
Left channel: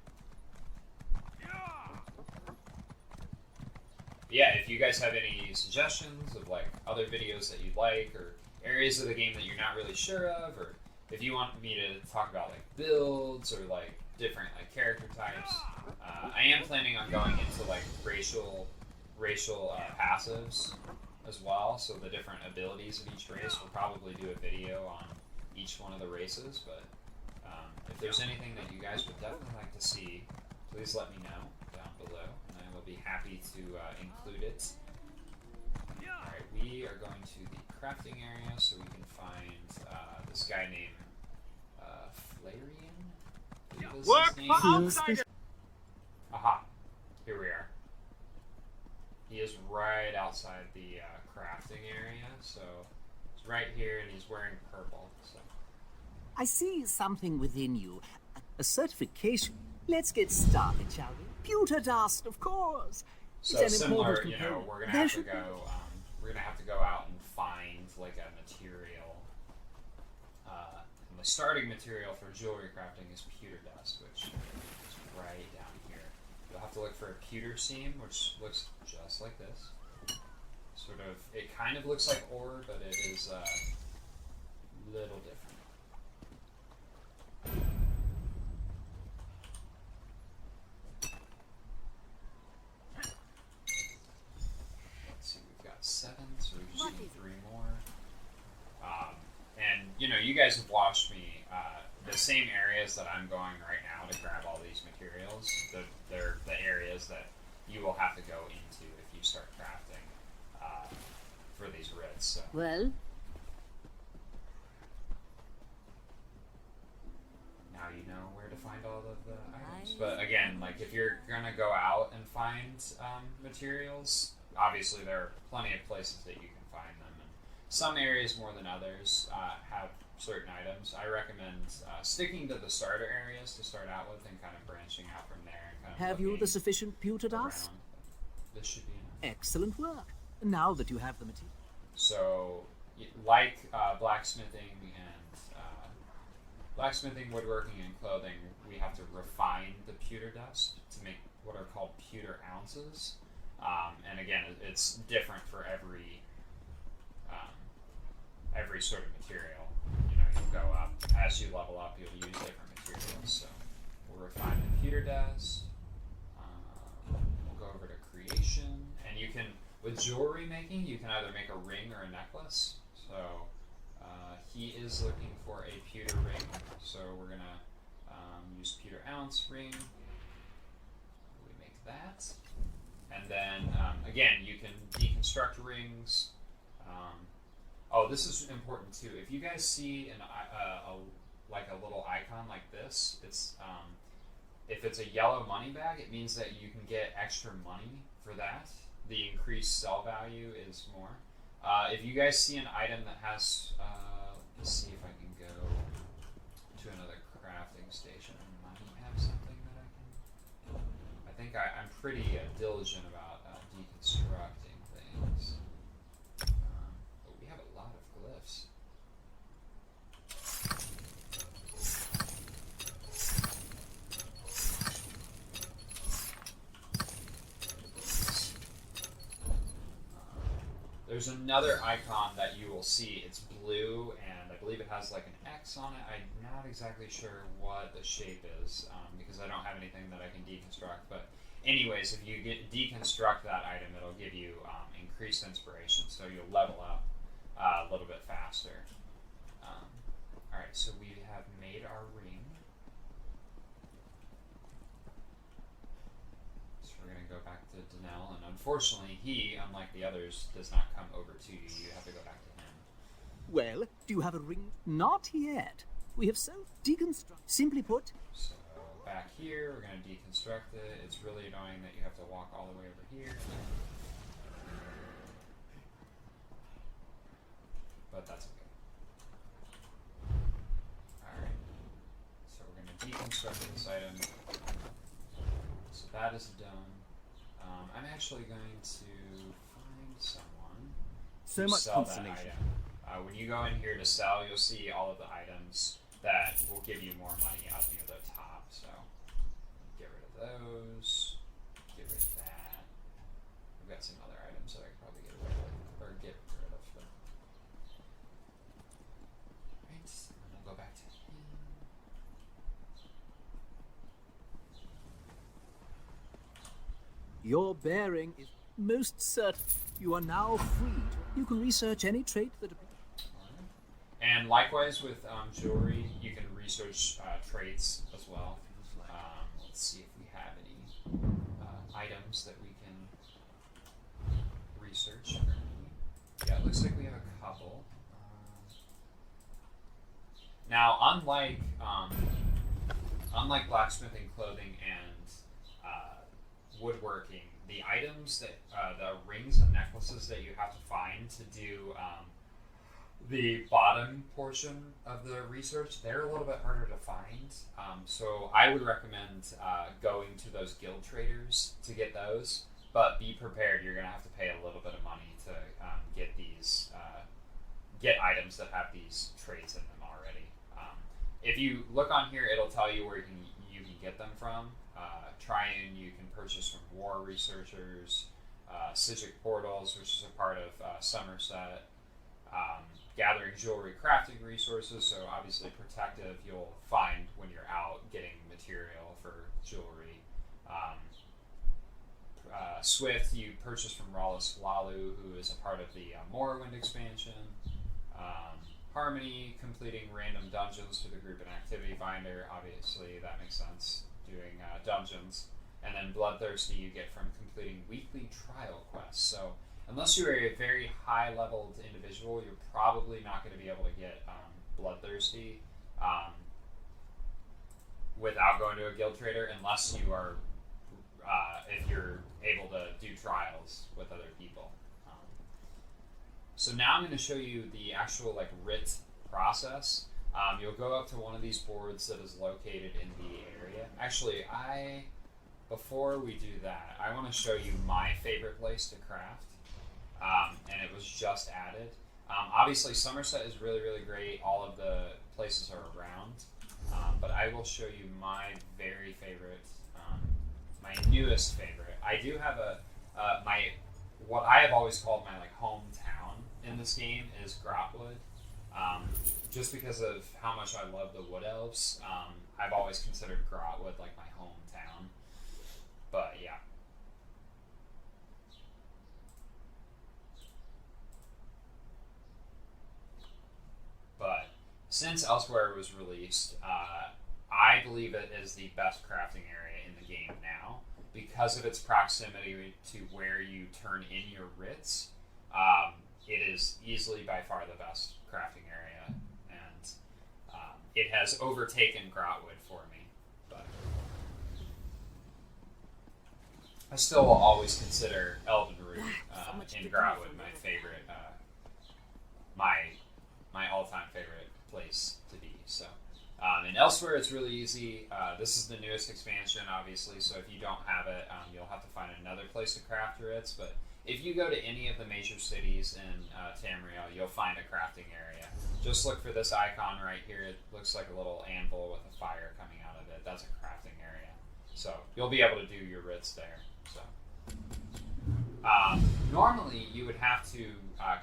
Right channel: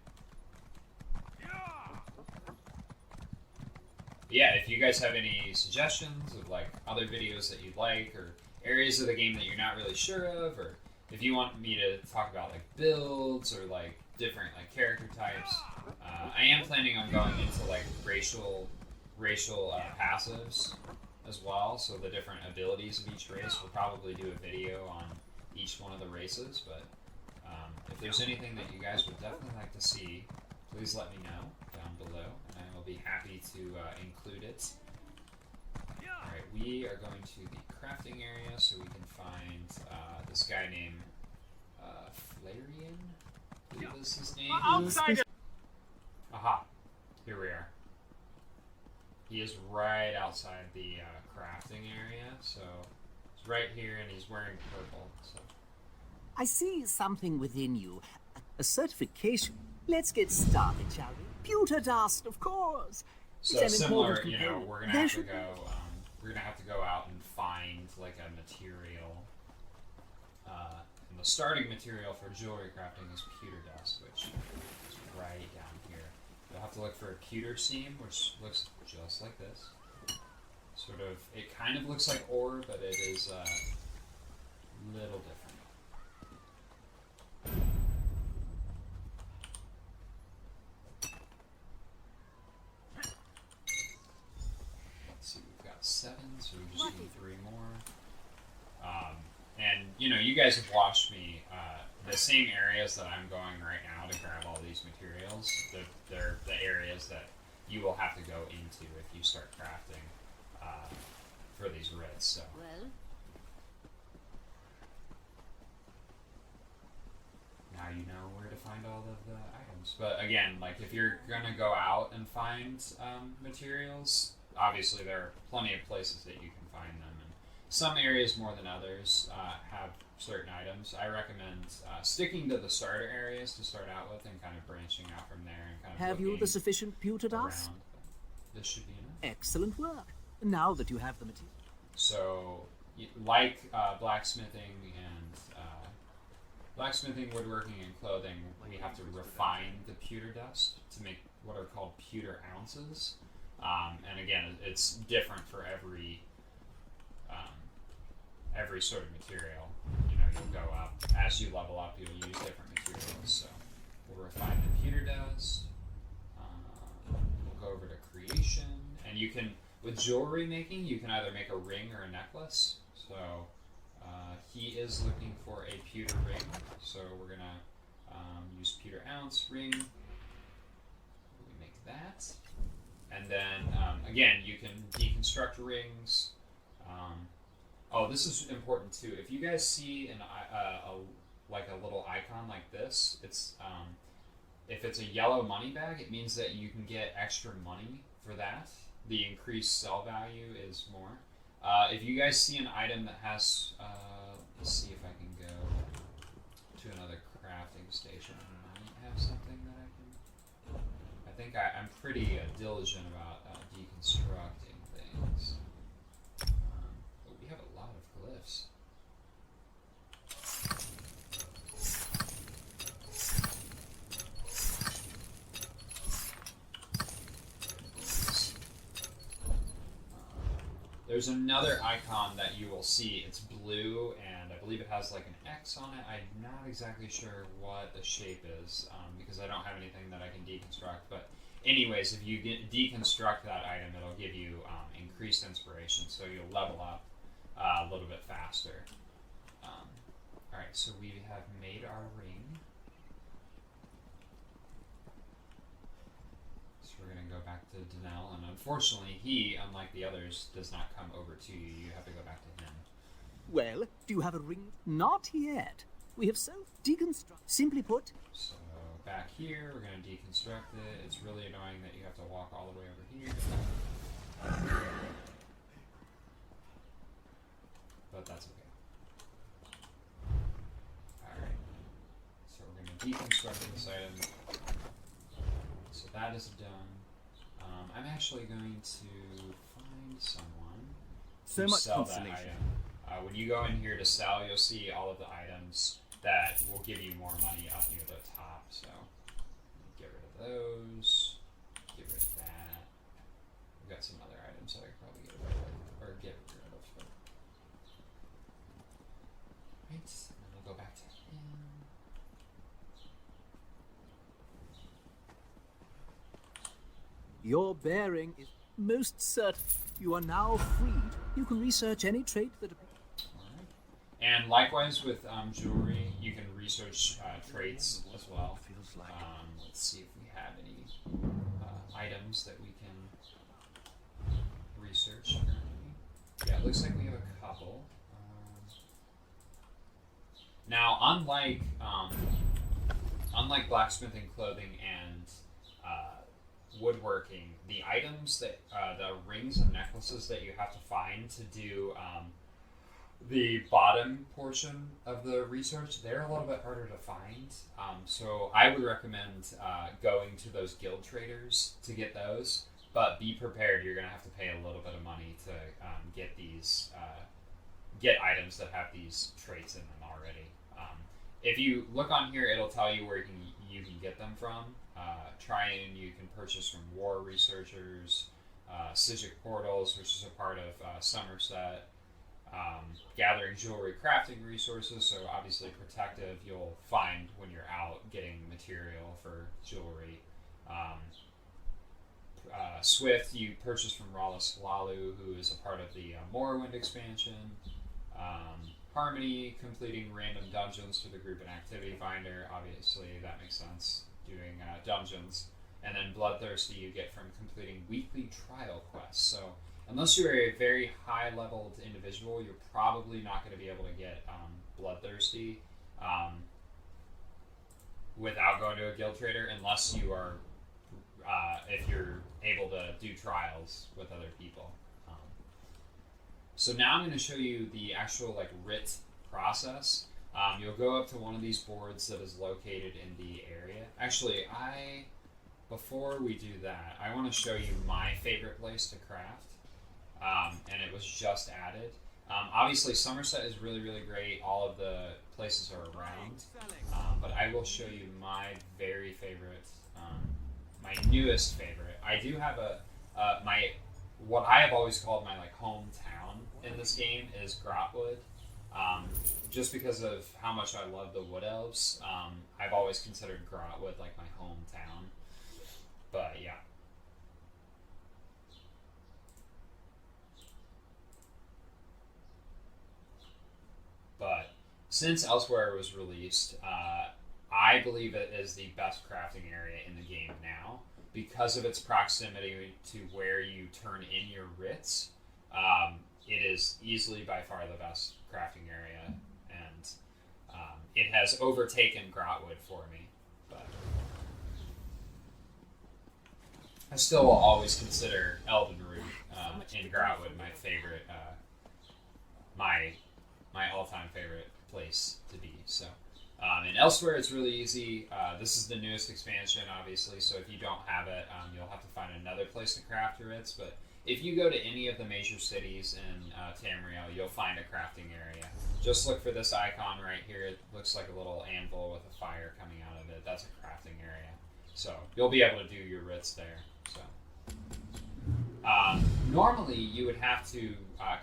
But yeah, if you guys have any suggestions of like other videos that you'd like, or areas of the game that you're not really sure of, or if you want me to talk about like builds or like different like character types. I am planning on going into like racial passives as well, so the different abilities of each race. We'll probably do a video on each one of the races, but if there's anything that you guys would definitely like to see, please let me know down below, and I will be happy to include it. Alright, we are going to the crafting area so we can find this guy named Flarian? Work for outsiders! Aha, here we are. He is right outside the crafting area, so he's right here and he's wearing purple. So. I see something within you. A certification. Let's get started, shall we? Pewter dust, of course. So it's an similar, important component. we're gonna have to go. We're gonna have to go out and find like a material. And the starting material for jewelry crafting is pewter dust, which is right down here. You'll have to look for a pewter seam, which looks just like this. Sort of, it kind of looks like ore, but it is a little different. And you guys have watched me. The same areas that I'm going right now to grab all these materials, they're the areas that you will have to go into if you start crafting for these writs. So. Well, now you know where to find all of the items. But again, like if you're gonna go out and find materials, obviously there are plenty of places that you can find them. And some areas more than others have certain items. I recommend sticking to the starter areas to start out with and kind of branching out from there. And kind of have you the sufficient pewter dust? Around. This should be enough. Excellent work. Now that you have the material. So, like blacksmithing, woodworking, and clothing, we have to refine the pewter dust to make what are called pewter ounces. And again, it's different for every sort of material. You'll go up as you level up. You'll use different materials. So we'll refine the pewter dust. We'll go over to creation, and you can with jewelry making. You can either make a ring or a necklace. So he is looking for a pewter ring. So we're gonna use pewter ounce ring. We make that, and then again you can deconstruct rings. Oh, this is important too. If you guys see like a little icon like this, it's if it's a yellow money bag, it means that you can get extra money for that. The increased sell value is more. If you guys see an item that has, let's see if I can go to another crafting station. I might have something that I can. I think I'm pretty diligent about deconstructing things. We have a lot of glyphs. There's another icon that you will see. It's blue, and I believe it has like an X on it. I'm not exactly sure what the shape is because I don't have anything that I can deconstruct. But anyways, if you deconstruct that item, it'll give you increased inspiration, so you'll level up a little bit faster. Alright, so we have made our ring. We're going to go back to Danelle, and unfortunately he, unlike the others, does not come over to you. You have to go back to him. Well, do you have a ring? Not yet. We have self-deconstruct. Simply put. So back here, we're going to deconstruct it. It's really annoying that you have to walk all the way over here. But that's okay. Alright. So we're going to deconstruct this item. So that is done. I'm actually going to find someone So to much sell that consolation. item. When you go in here to sell, you'll see all of the items that will give you more money up near the top. So get rid of those. Get rid of that. We've got some other items that I could probably get rid of. Right. And we'll go back to him. Your bearing is most certain. You are now free. You can research any trait that appears. And likewise with jewelry, you can research traits as well. Let's see if we have any items that we can research. Yeah, it looks like we have a couple. Now, unlike blacksmithing, clothing, and woodworking, the items that the rings and necklaces that you have to find to do the bottom portion of the research, they're a little bit harder to find. So I would recommend going to those guild traders to get those. But be prepared; you're going to have to pay a little bit of money to get these get items that have these traits in them already. If you look on here, it'll tell you where you can get them from. Triune, you can purchase from War Researchers, Sigic Portals, which is a part of Somerset. Gathering jewelry crafting resources, so obviously protective you'll find when you're out getting material for jewelry. Swift, you purchase from Rawless Lalu, who is a part of the Morrowind expansion. Harmony, completing random dungeons through the group and activity finder. Obviously, that makes sense, doing dungeons. And then Bloodthirsty, you get from completing weekly trial quests. So, unless you're a very high-leveled individual, you're probably not going to be able to get Bloodthirsty without going to a guild trader, unless you are, if you're able to do trials with other people. So now I'm going to show you the actual writ process. You'll go up to one of these boards that is located in the area. Actually, before we do that, I want to show you my favorite place to craft. And it was just added. Obviously, Somerset is really, really great. All of the places are around. But I will show you my very favorite, my newest favorite. I do have what I have always called my hometown in this game is Grotwood. Just because of how much I love the Wood Elves, I've always considered Grotwood like my hometown. But yeah. But since Elsewhere was released, I believe it is the best crafting area in the game now because of its proximity to where you turn in your writs. It is easily by far the best crafting area, and it has overtaken Grotwood for me. But I still will always consider Elden Root in Grotwood my favorite, my all-time favorite place to be. So, and Elsewhere it's really easy. This is the newest expansion, obviously. So if you don't have it, you'll have to find another place to craft your writs. But if you go to any of the major cities in Tamriel, you'll find a crafting area. Just look for this icon right here. It looks like a little anvil with a fire coming out of it. That's a crafting area. So you'll be able to do your writs there. So normally you would have to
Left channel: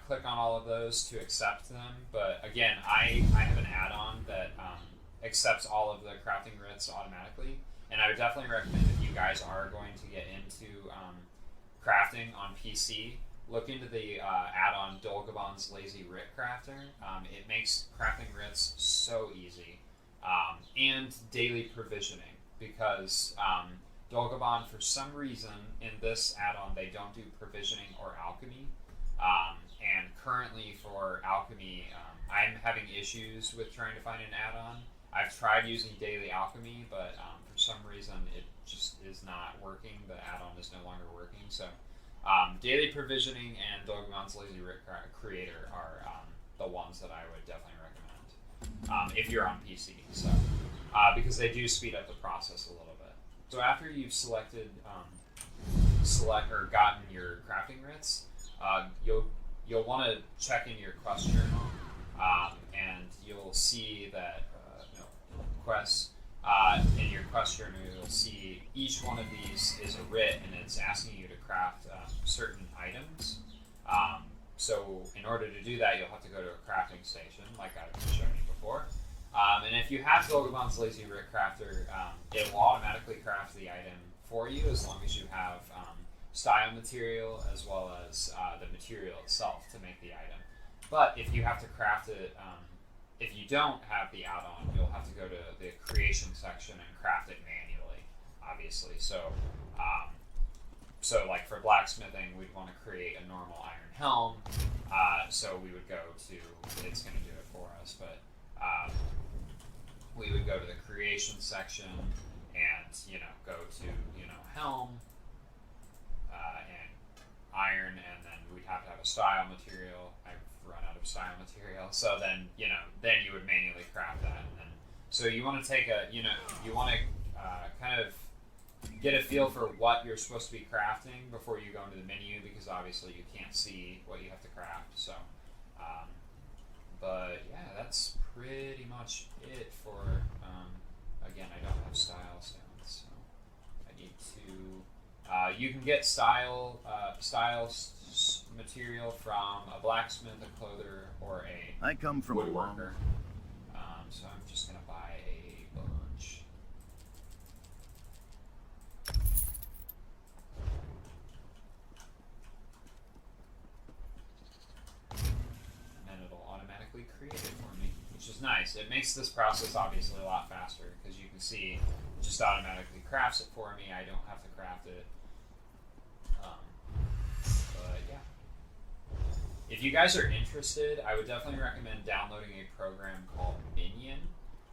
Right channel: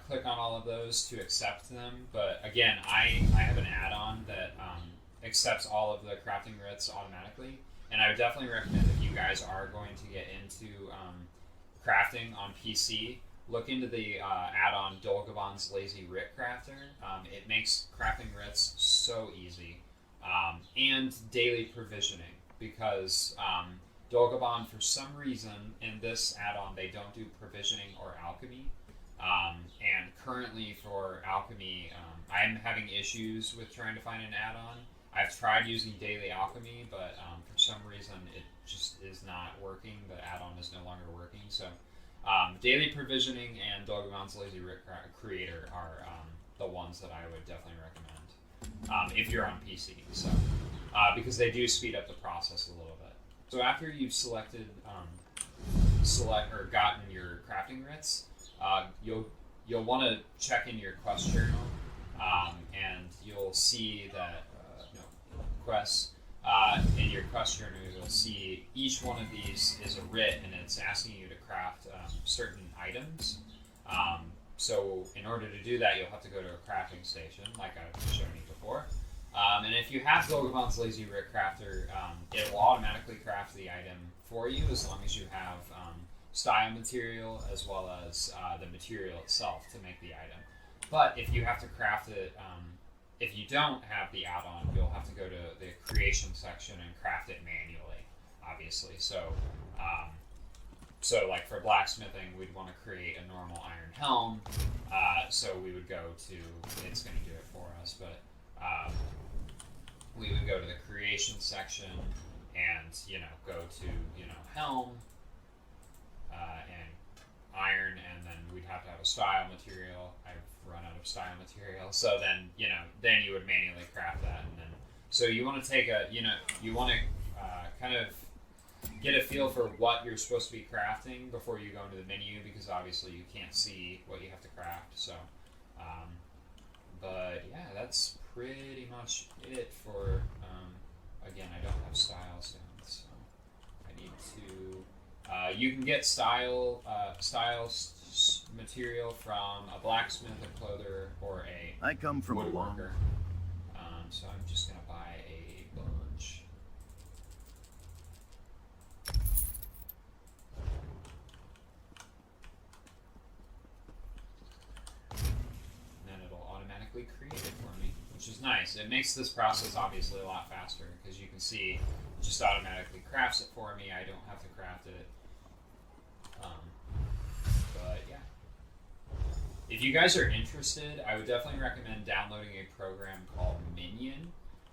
click on all of those to accept them. But again, I have an add-on that accepts all of the crafting writs automatically. And I would definitely recommend if you guys are going to get into crafting on PC, look into the add-on Dolgabon's Lazy Writ Crafter. It makes crafting writs so easy. And daily provisioning, because Dolgabon, for some reason, in this add-on, they don't do provisioning or alchemy. And currently for alchemy, I'm having issues with trying to find an add-on. I've tried using daily alchemy, but for some reason it just is not working. The add-on is no longer working. So daily provisioning and Dolgabon's Lazy Writ Creator are the ones that I would definitely recommend if you're on PC. So because they do speed up the process a little bit. So after you've selected or gotten your crafting writs, you'll want to check in your quest journal, and you'll see that quests in your quest journal. You'll see each one of these is a writ, and it's asking you to craft certain items. So in order to do that, you'll have to go to a crafting station, like I've shown you before. And if you have Dolgabon's Lazy Writ Crafter, it will automatically craft the item for you as long as you have style material as well as the material itself to make the item. But if you have to craft it, if you don't have the add-on, you'll have to go to the creation section and craft it manually, obviously. So, so like for blacksmithing, we'd want to create a normal iron helm. So we would go to, it's going to do it for us, but we would go to the creation section and, you know, go to, you know, helm and iron, and then we'd have to have a style material. I've run out of style material. So then, you know, then you would manually craft that. And then, so you want to take a, you know, you want to kind of get a feel for what you're supposed to be crafting before you go into the menu, because obviously you can't see what you have to craft. So, but yeah, that's pretty much it for, again, I don't have styles down, so I need to, you can get styles material from a blacksmith, a clother, or a I come from a long... woodworker. So I'm just gonna buy a bunch. And then it'll automatically create it for me, which is nice. It makes this process obviously a lot faster, because you can see it just automatically crafts it for me. I don't have to craft it. But yeah. If you guys are interested, I would definitely recommend downloading a program called Minion.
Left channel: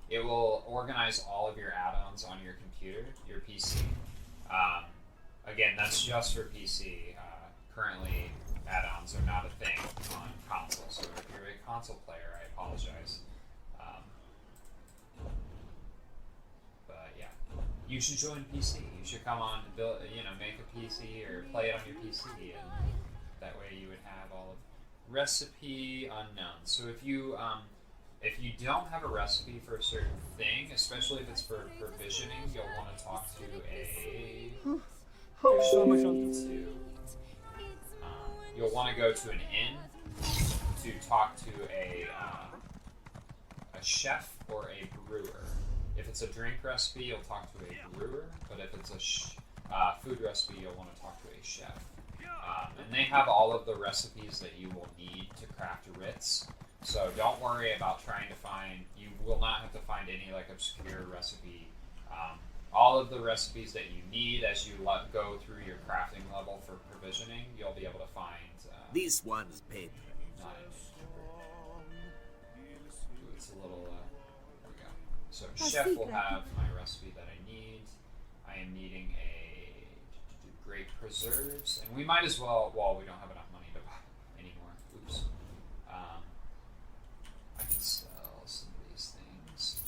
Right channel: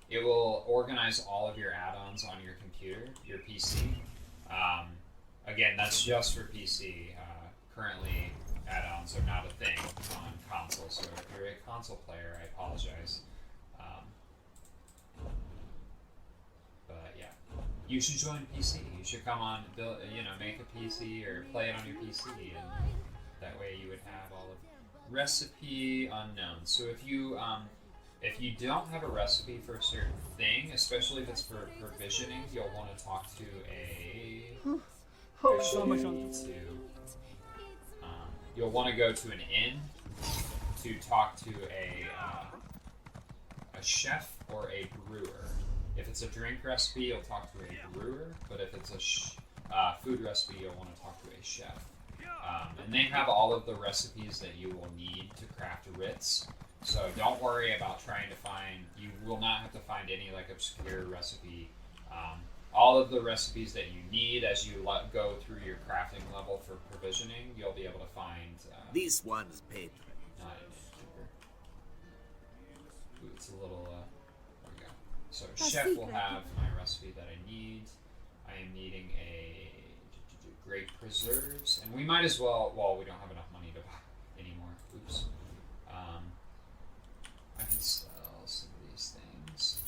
It will organize all of your add-ons on your computer, your PC. Again, that's just for PC. Currently, add-ons are not a thing on console, so if you're a console player, I apologize. But yeah, you should join PC. You should come on, build, you know, make a PC or play it on your PC, and that way you would have all of recipe unknown. So if you don't have a recipe for a certain thing, especially if it's for provisioning, you'll want to talk to a you'll want to go to an inn to talk to a chef or a brewer. If it's a drink recipe, you'll talk to a brewer, but if it's a food recipe, you'll want to talk to a chef. And they have all of the recipes that you will need to craft Ritz. So don't worry about trying to find, you will not have to find any like obscure recipe. All of the recipes that you need as you go through your crafting level for provisioning, you'll be able to find. This one's paper. It's a little, there we go. So chef will have my recipe that I need. I am needing a grape preserves, and we might as well, we don't have enough money to buy anymore. Oops. I can sell some of these things.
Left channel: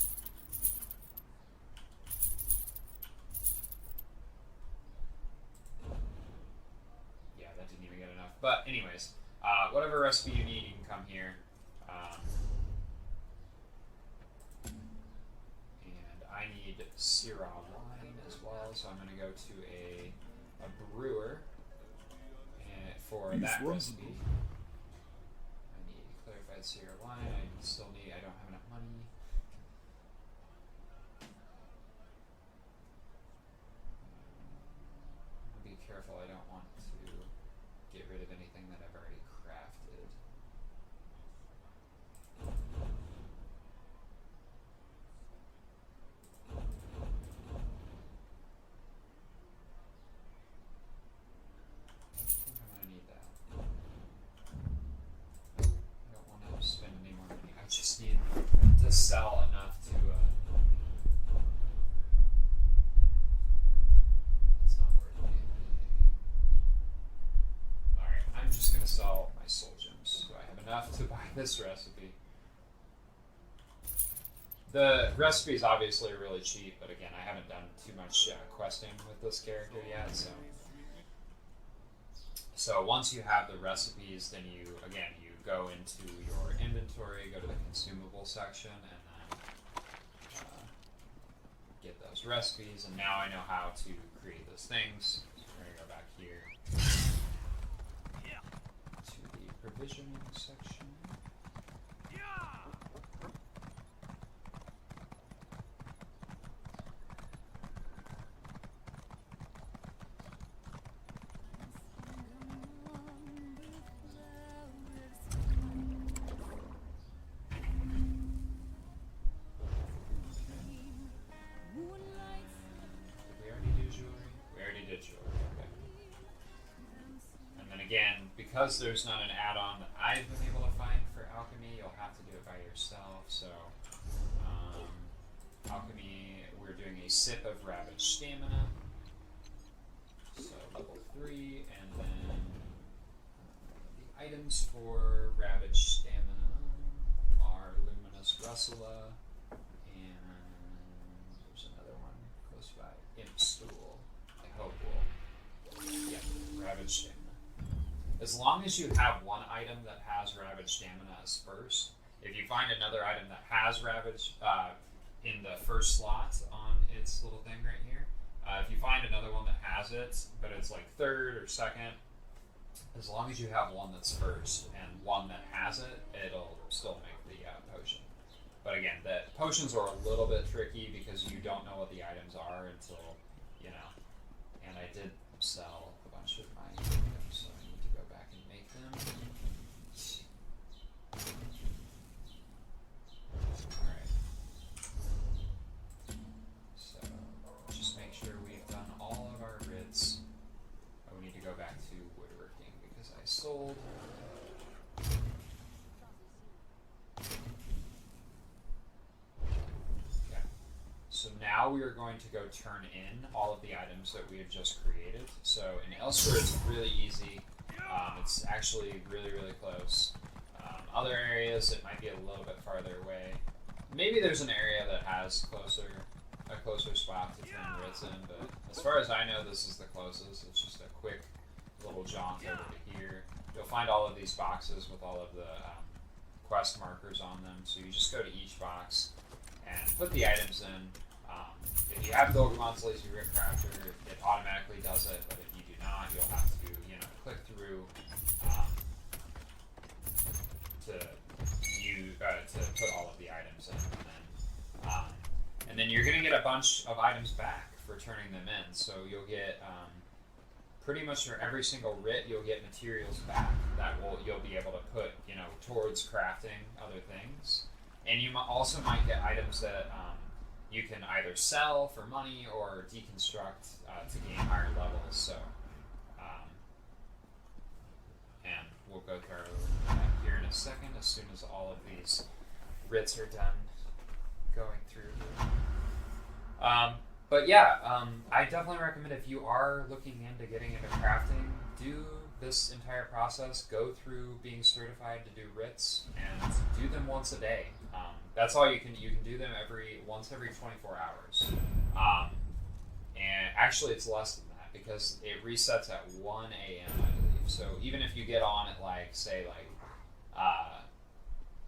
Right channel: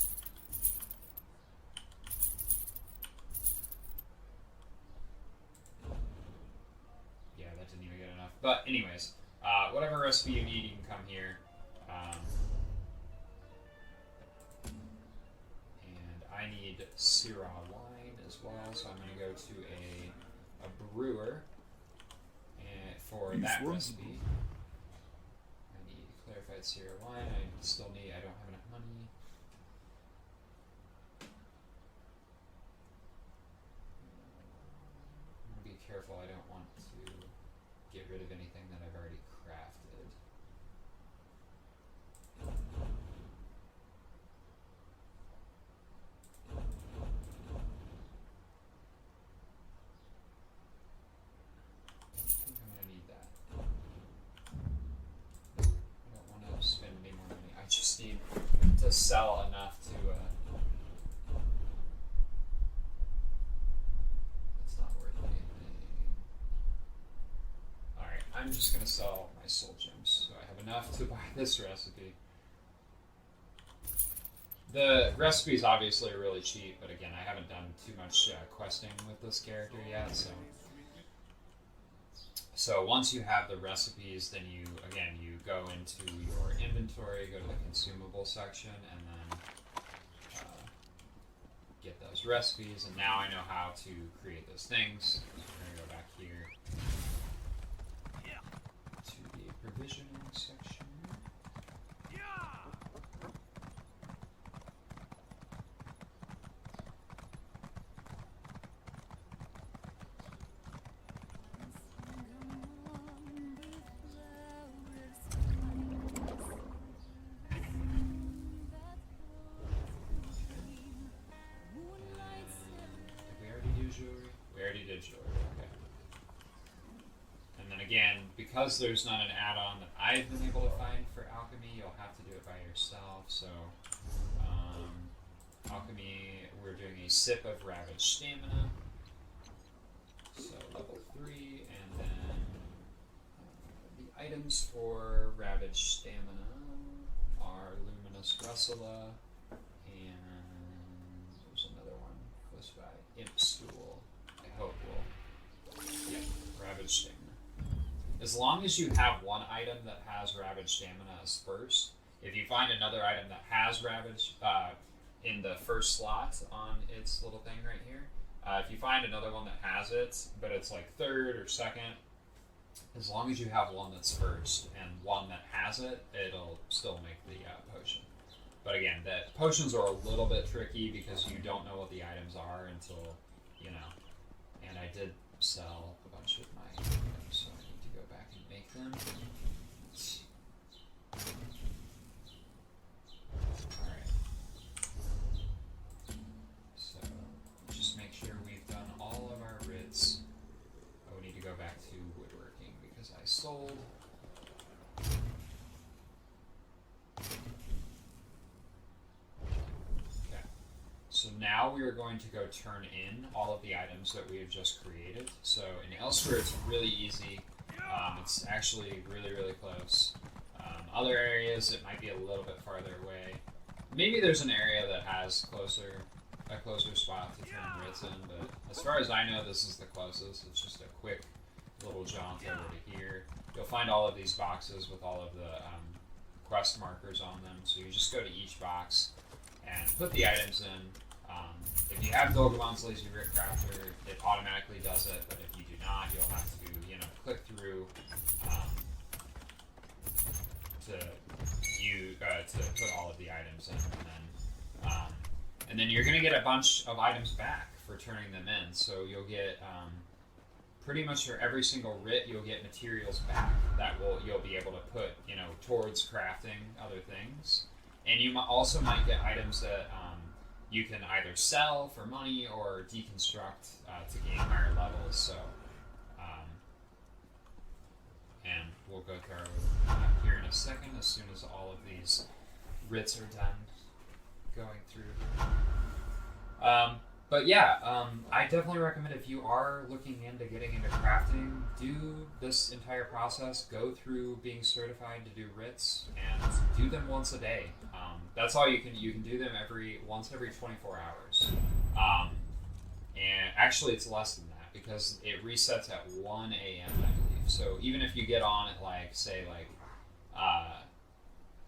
Yeah, that didn't even get enough. But anyways, whatever recipe you need, you can come here. And I need Syrah wine as well, so I'm going to go to a brewer for that recipe. I need clarified Syrah wine. I don't have enough money. Be careful, I don't want to get rid of anything that I've already crafted. I think I'm gonna need that. I don't want to spend any more money. I just need to sell enough to it's not worth it. Alright, I'm just gonna sell my soul gems so I have enough to buy this recipe. The recipe is obviously really cheap, but again, I haven't done too much questing with this character yet, so once you have the recipes, then you go into your inventory, go to the consumable section, and then get those recipes, and now I know how to create those things. We're going to go back here to the provisioning section. because there's not an add-on that I've been able to find for alchemy, you'll have to do it by yourself. So, alchemy, we're doing a sip of ravaged stamina. So level 3, and then the items for ravaged stamina are luminous Russula, and there's another one close by, imp stool. I hope will, yeah, ravaged stamina. As long as you have one item that has ravaged stamina as first, if you find another item that has ravaged in the first slot on its little thing right here, if you find another one that has it, but it's like third or second, as long as you have one that's first and one that has it, it'll still make the potion. But again, the potions are a little bit tricky because you don't know what the items are until, you know, and I did sell a bunch of my items, so I need to go back and make them. Alright. So, just make sure we've done all of our writs. Oh, we need to go back to woodworking because I sold. Okay. So now we are going to go turn in all of the items that we have just created. So in Elsewhere, it's really easy. It's actually really, really close. Other areas, it might be a little bit farther away. Maybe there's an area that has a closer spot to turn writs in, but as far as I know, this is the closest. It's just a quick little jaunt over to here. You'll find all of these boxes with all of the quest markers on them, so you just go to each box and put the items in. If you have Dogomon's Lazy Rip Crafter, it automatically does it, but if you do not, you'll have to, you know, click through to put all of the items in, and then you're gonna get a bunch of items back for turning them in. So you'll get pretty much for every single writ, you'll get materials back that you'll be able to put, you know, towards crafting other things, and you also might get items that you can either sell for money or deconstruct to gain higher levels. So, and we'll go through here in a second as soon as all of these writs are done going through. But yeah, I definitely recommend if you are looking into getting into crafting, do this entire process. Go through being certified to do writs and do them once a day. That's all you can do them once every 24 hours. And actually it's less than that because it resets at 1 a.m. I believe. So even if you get on at like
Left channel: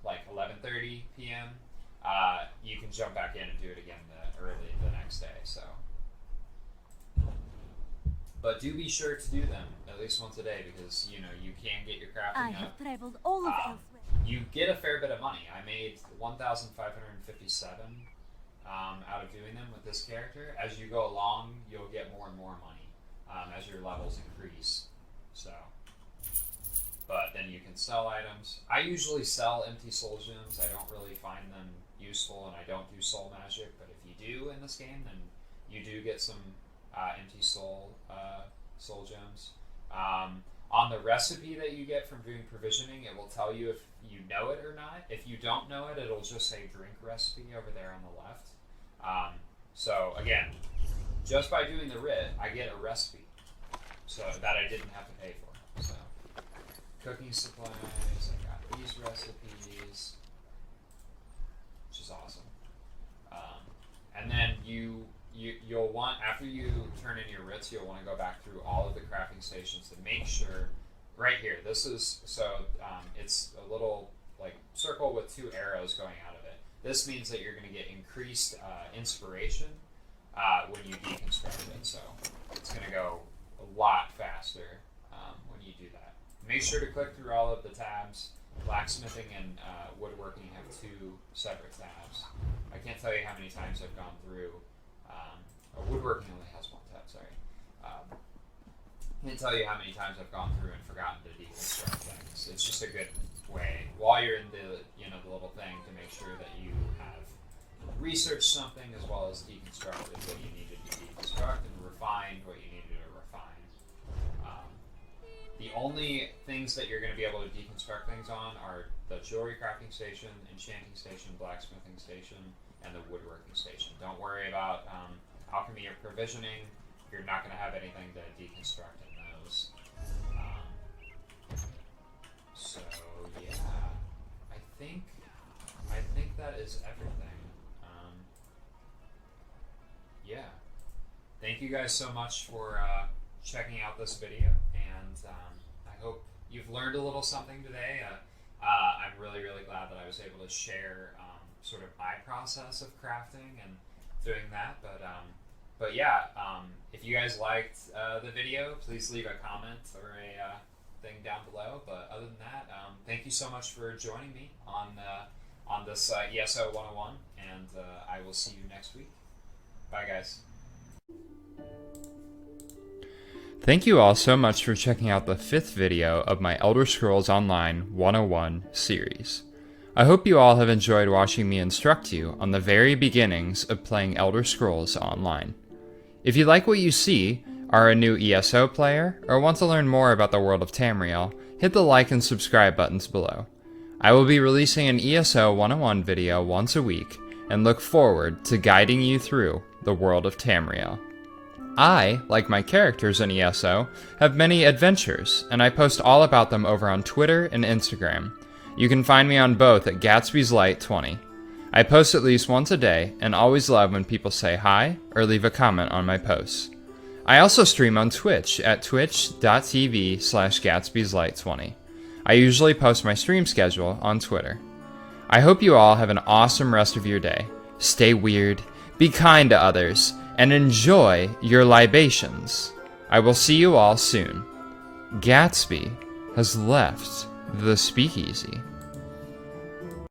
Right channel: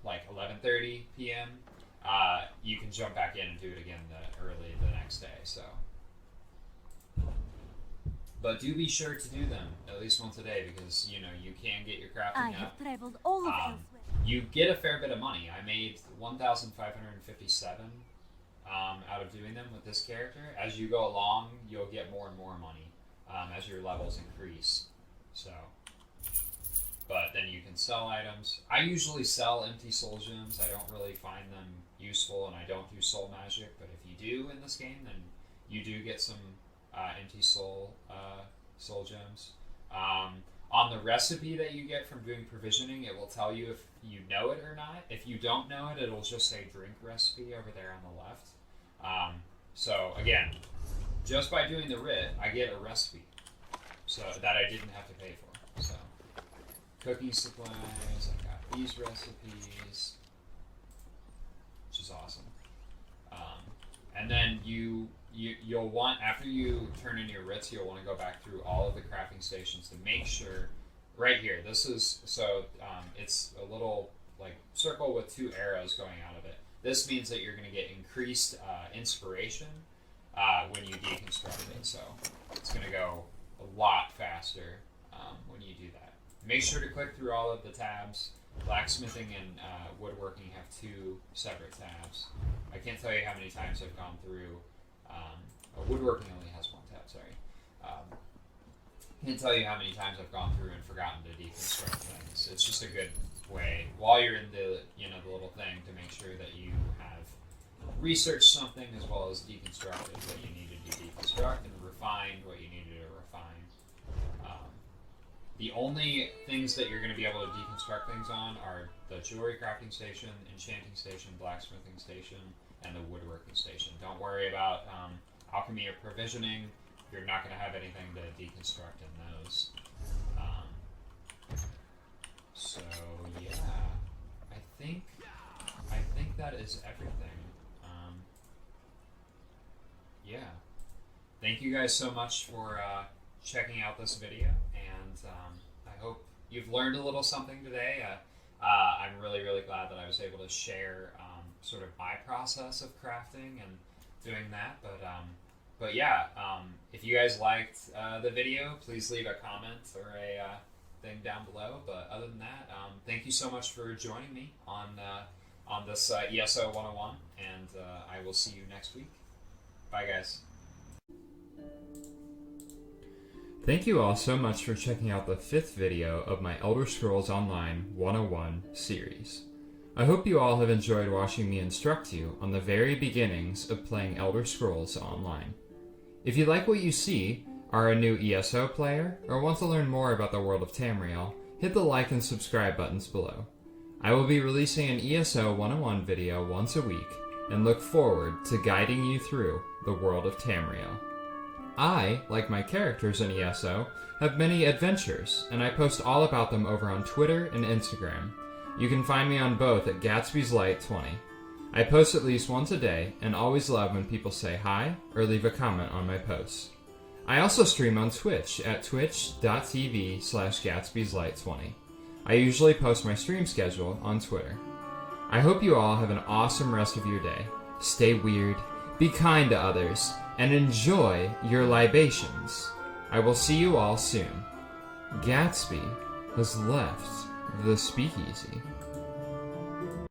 11:30 p.m., you can jump back in and do it again early the next day. So, but do be sure to do them at least once a day because you know you can get your crafting I have traveled all of Elsewhere. You get a fair bit of money. I made 1,557 out of doing them with this character. As you go along, you'll get more and more money as your levels increase. So, but then you can sell items. I usually sell empty soul gems. I don't really find them useful, and I don't do soul magic. But if you do in this game, then you do get some empty soul gems. On the recipe that you get from doing provisioning, it will tell you if you know it or not. If you don't know it, it'll just say drink recipe over there on the left. So again, just by doing the writ, I get a recipe so that I didn't have to pay for. So cooking supplies, I got these recipes, which is awesome. And then you'll want, after you turn in your writs, you'll want to go back through all of the crafting stations to make sure, right here, this is, so it's a little like circle with 2 arrows going out of it. This means that you're going to get increased inspiration when you deconstruct it, so it's going to go a lot faster when you do that. Make sure to click through all of the tabs. Blacksmithing and woodworking have 2 separate tabs. I can't tell you how many times I've gone through. Woodworking only has 1 tab, sorry. Can't tell you how many times I've gone through and forgotten to deconstruct things. It's just a good way, while you're in the the little thing, to make sure that you have researched something as well as deconstructed what you needed to deconstruct and refined what you needed to refine. The only things that you're going to be able to deconstruct things on are the jewelry crafting station, enchanting station, blacksmithing station, and the woodworking station. Don't worry about alchemy or provisioning. You're not going to have anything to deconstruct in those. So yeah, I think that is everything. Yeah, thank you guys so much for checking out this video, and I hope you've learned a little something today. I'm really glad that I was able to share sort of my process of crafting and doing that. But yeah, if you guys liked the video, please leave a comment or a thing down below. But other than that, thank you so much for joining me on this ESO 101, and I will see you next week. Bye, guys. Thank you all so much for checking out the 5th video of my Elder Scrolls Online 101 series. I hope you all have enjoyed watching me instruct you on the very beginnings of playing Elder Scrolls Online. If you like what you see, are a new ESO player, or want to learn more about the world of Tamriel, hit the like and subscribe buttons below. I will be releasing an ESO 101 video once a week, and look forward to guiding you through the world of Tamriel. I, like my characters in ESO, have many adventures, and I post all about them over on Twitter and Instagram. You can find me on both at Gatsby's Light 20. I post at least once a day, and always love when people say hi or leave a comment on my posts. I also stream on Twitch at twitch.tv/Gatsby'sLight20. I usually post my stream schedule on Twitter. I hope you all have an awesome rest of your day. Stay weird, be kind to others, and enjoy your libations. I will see you all soon. Gatsby has left the speakeasy.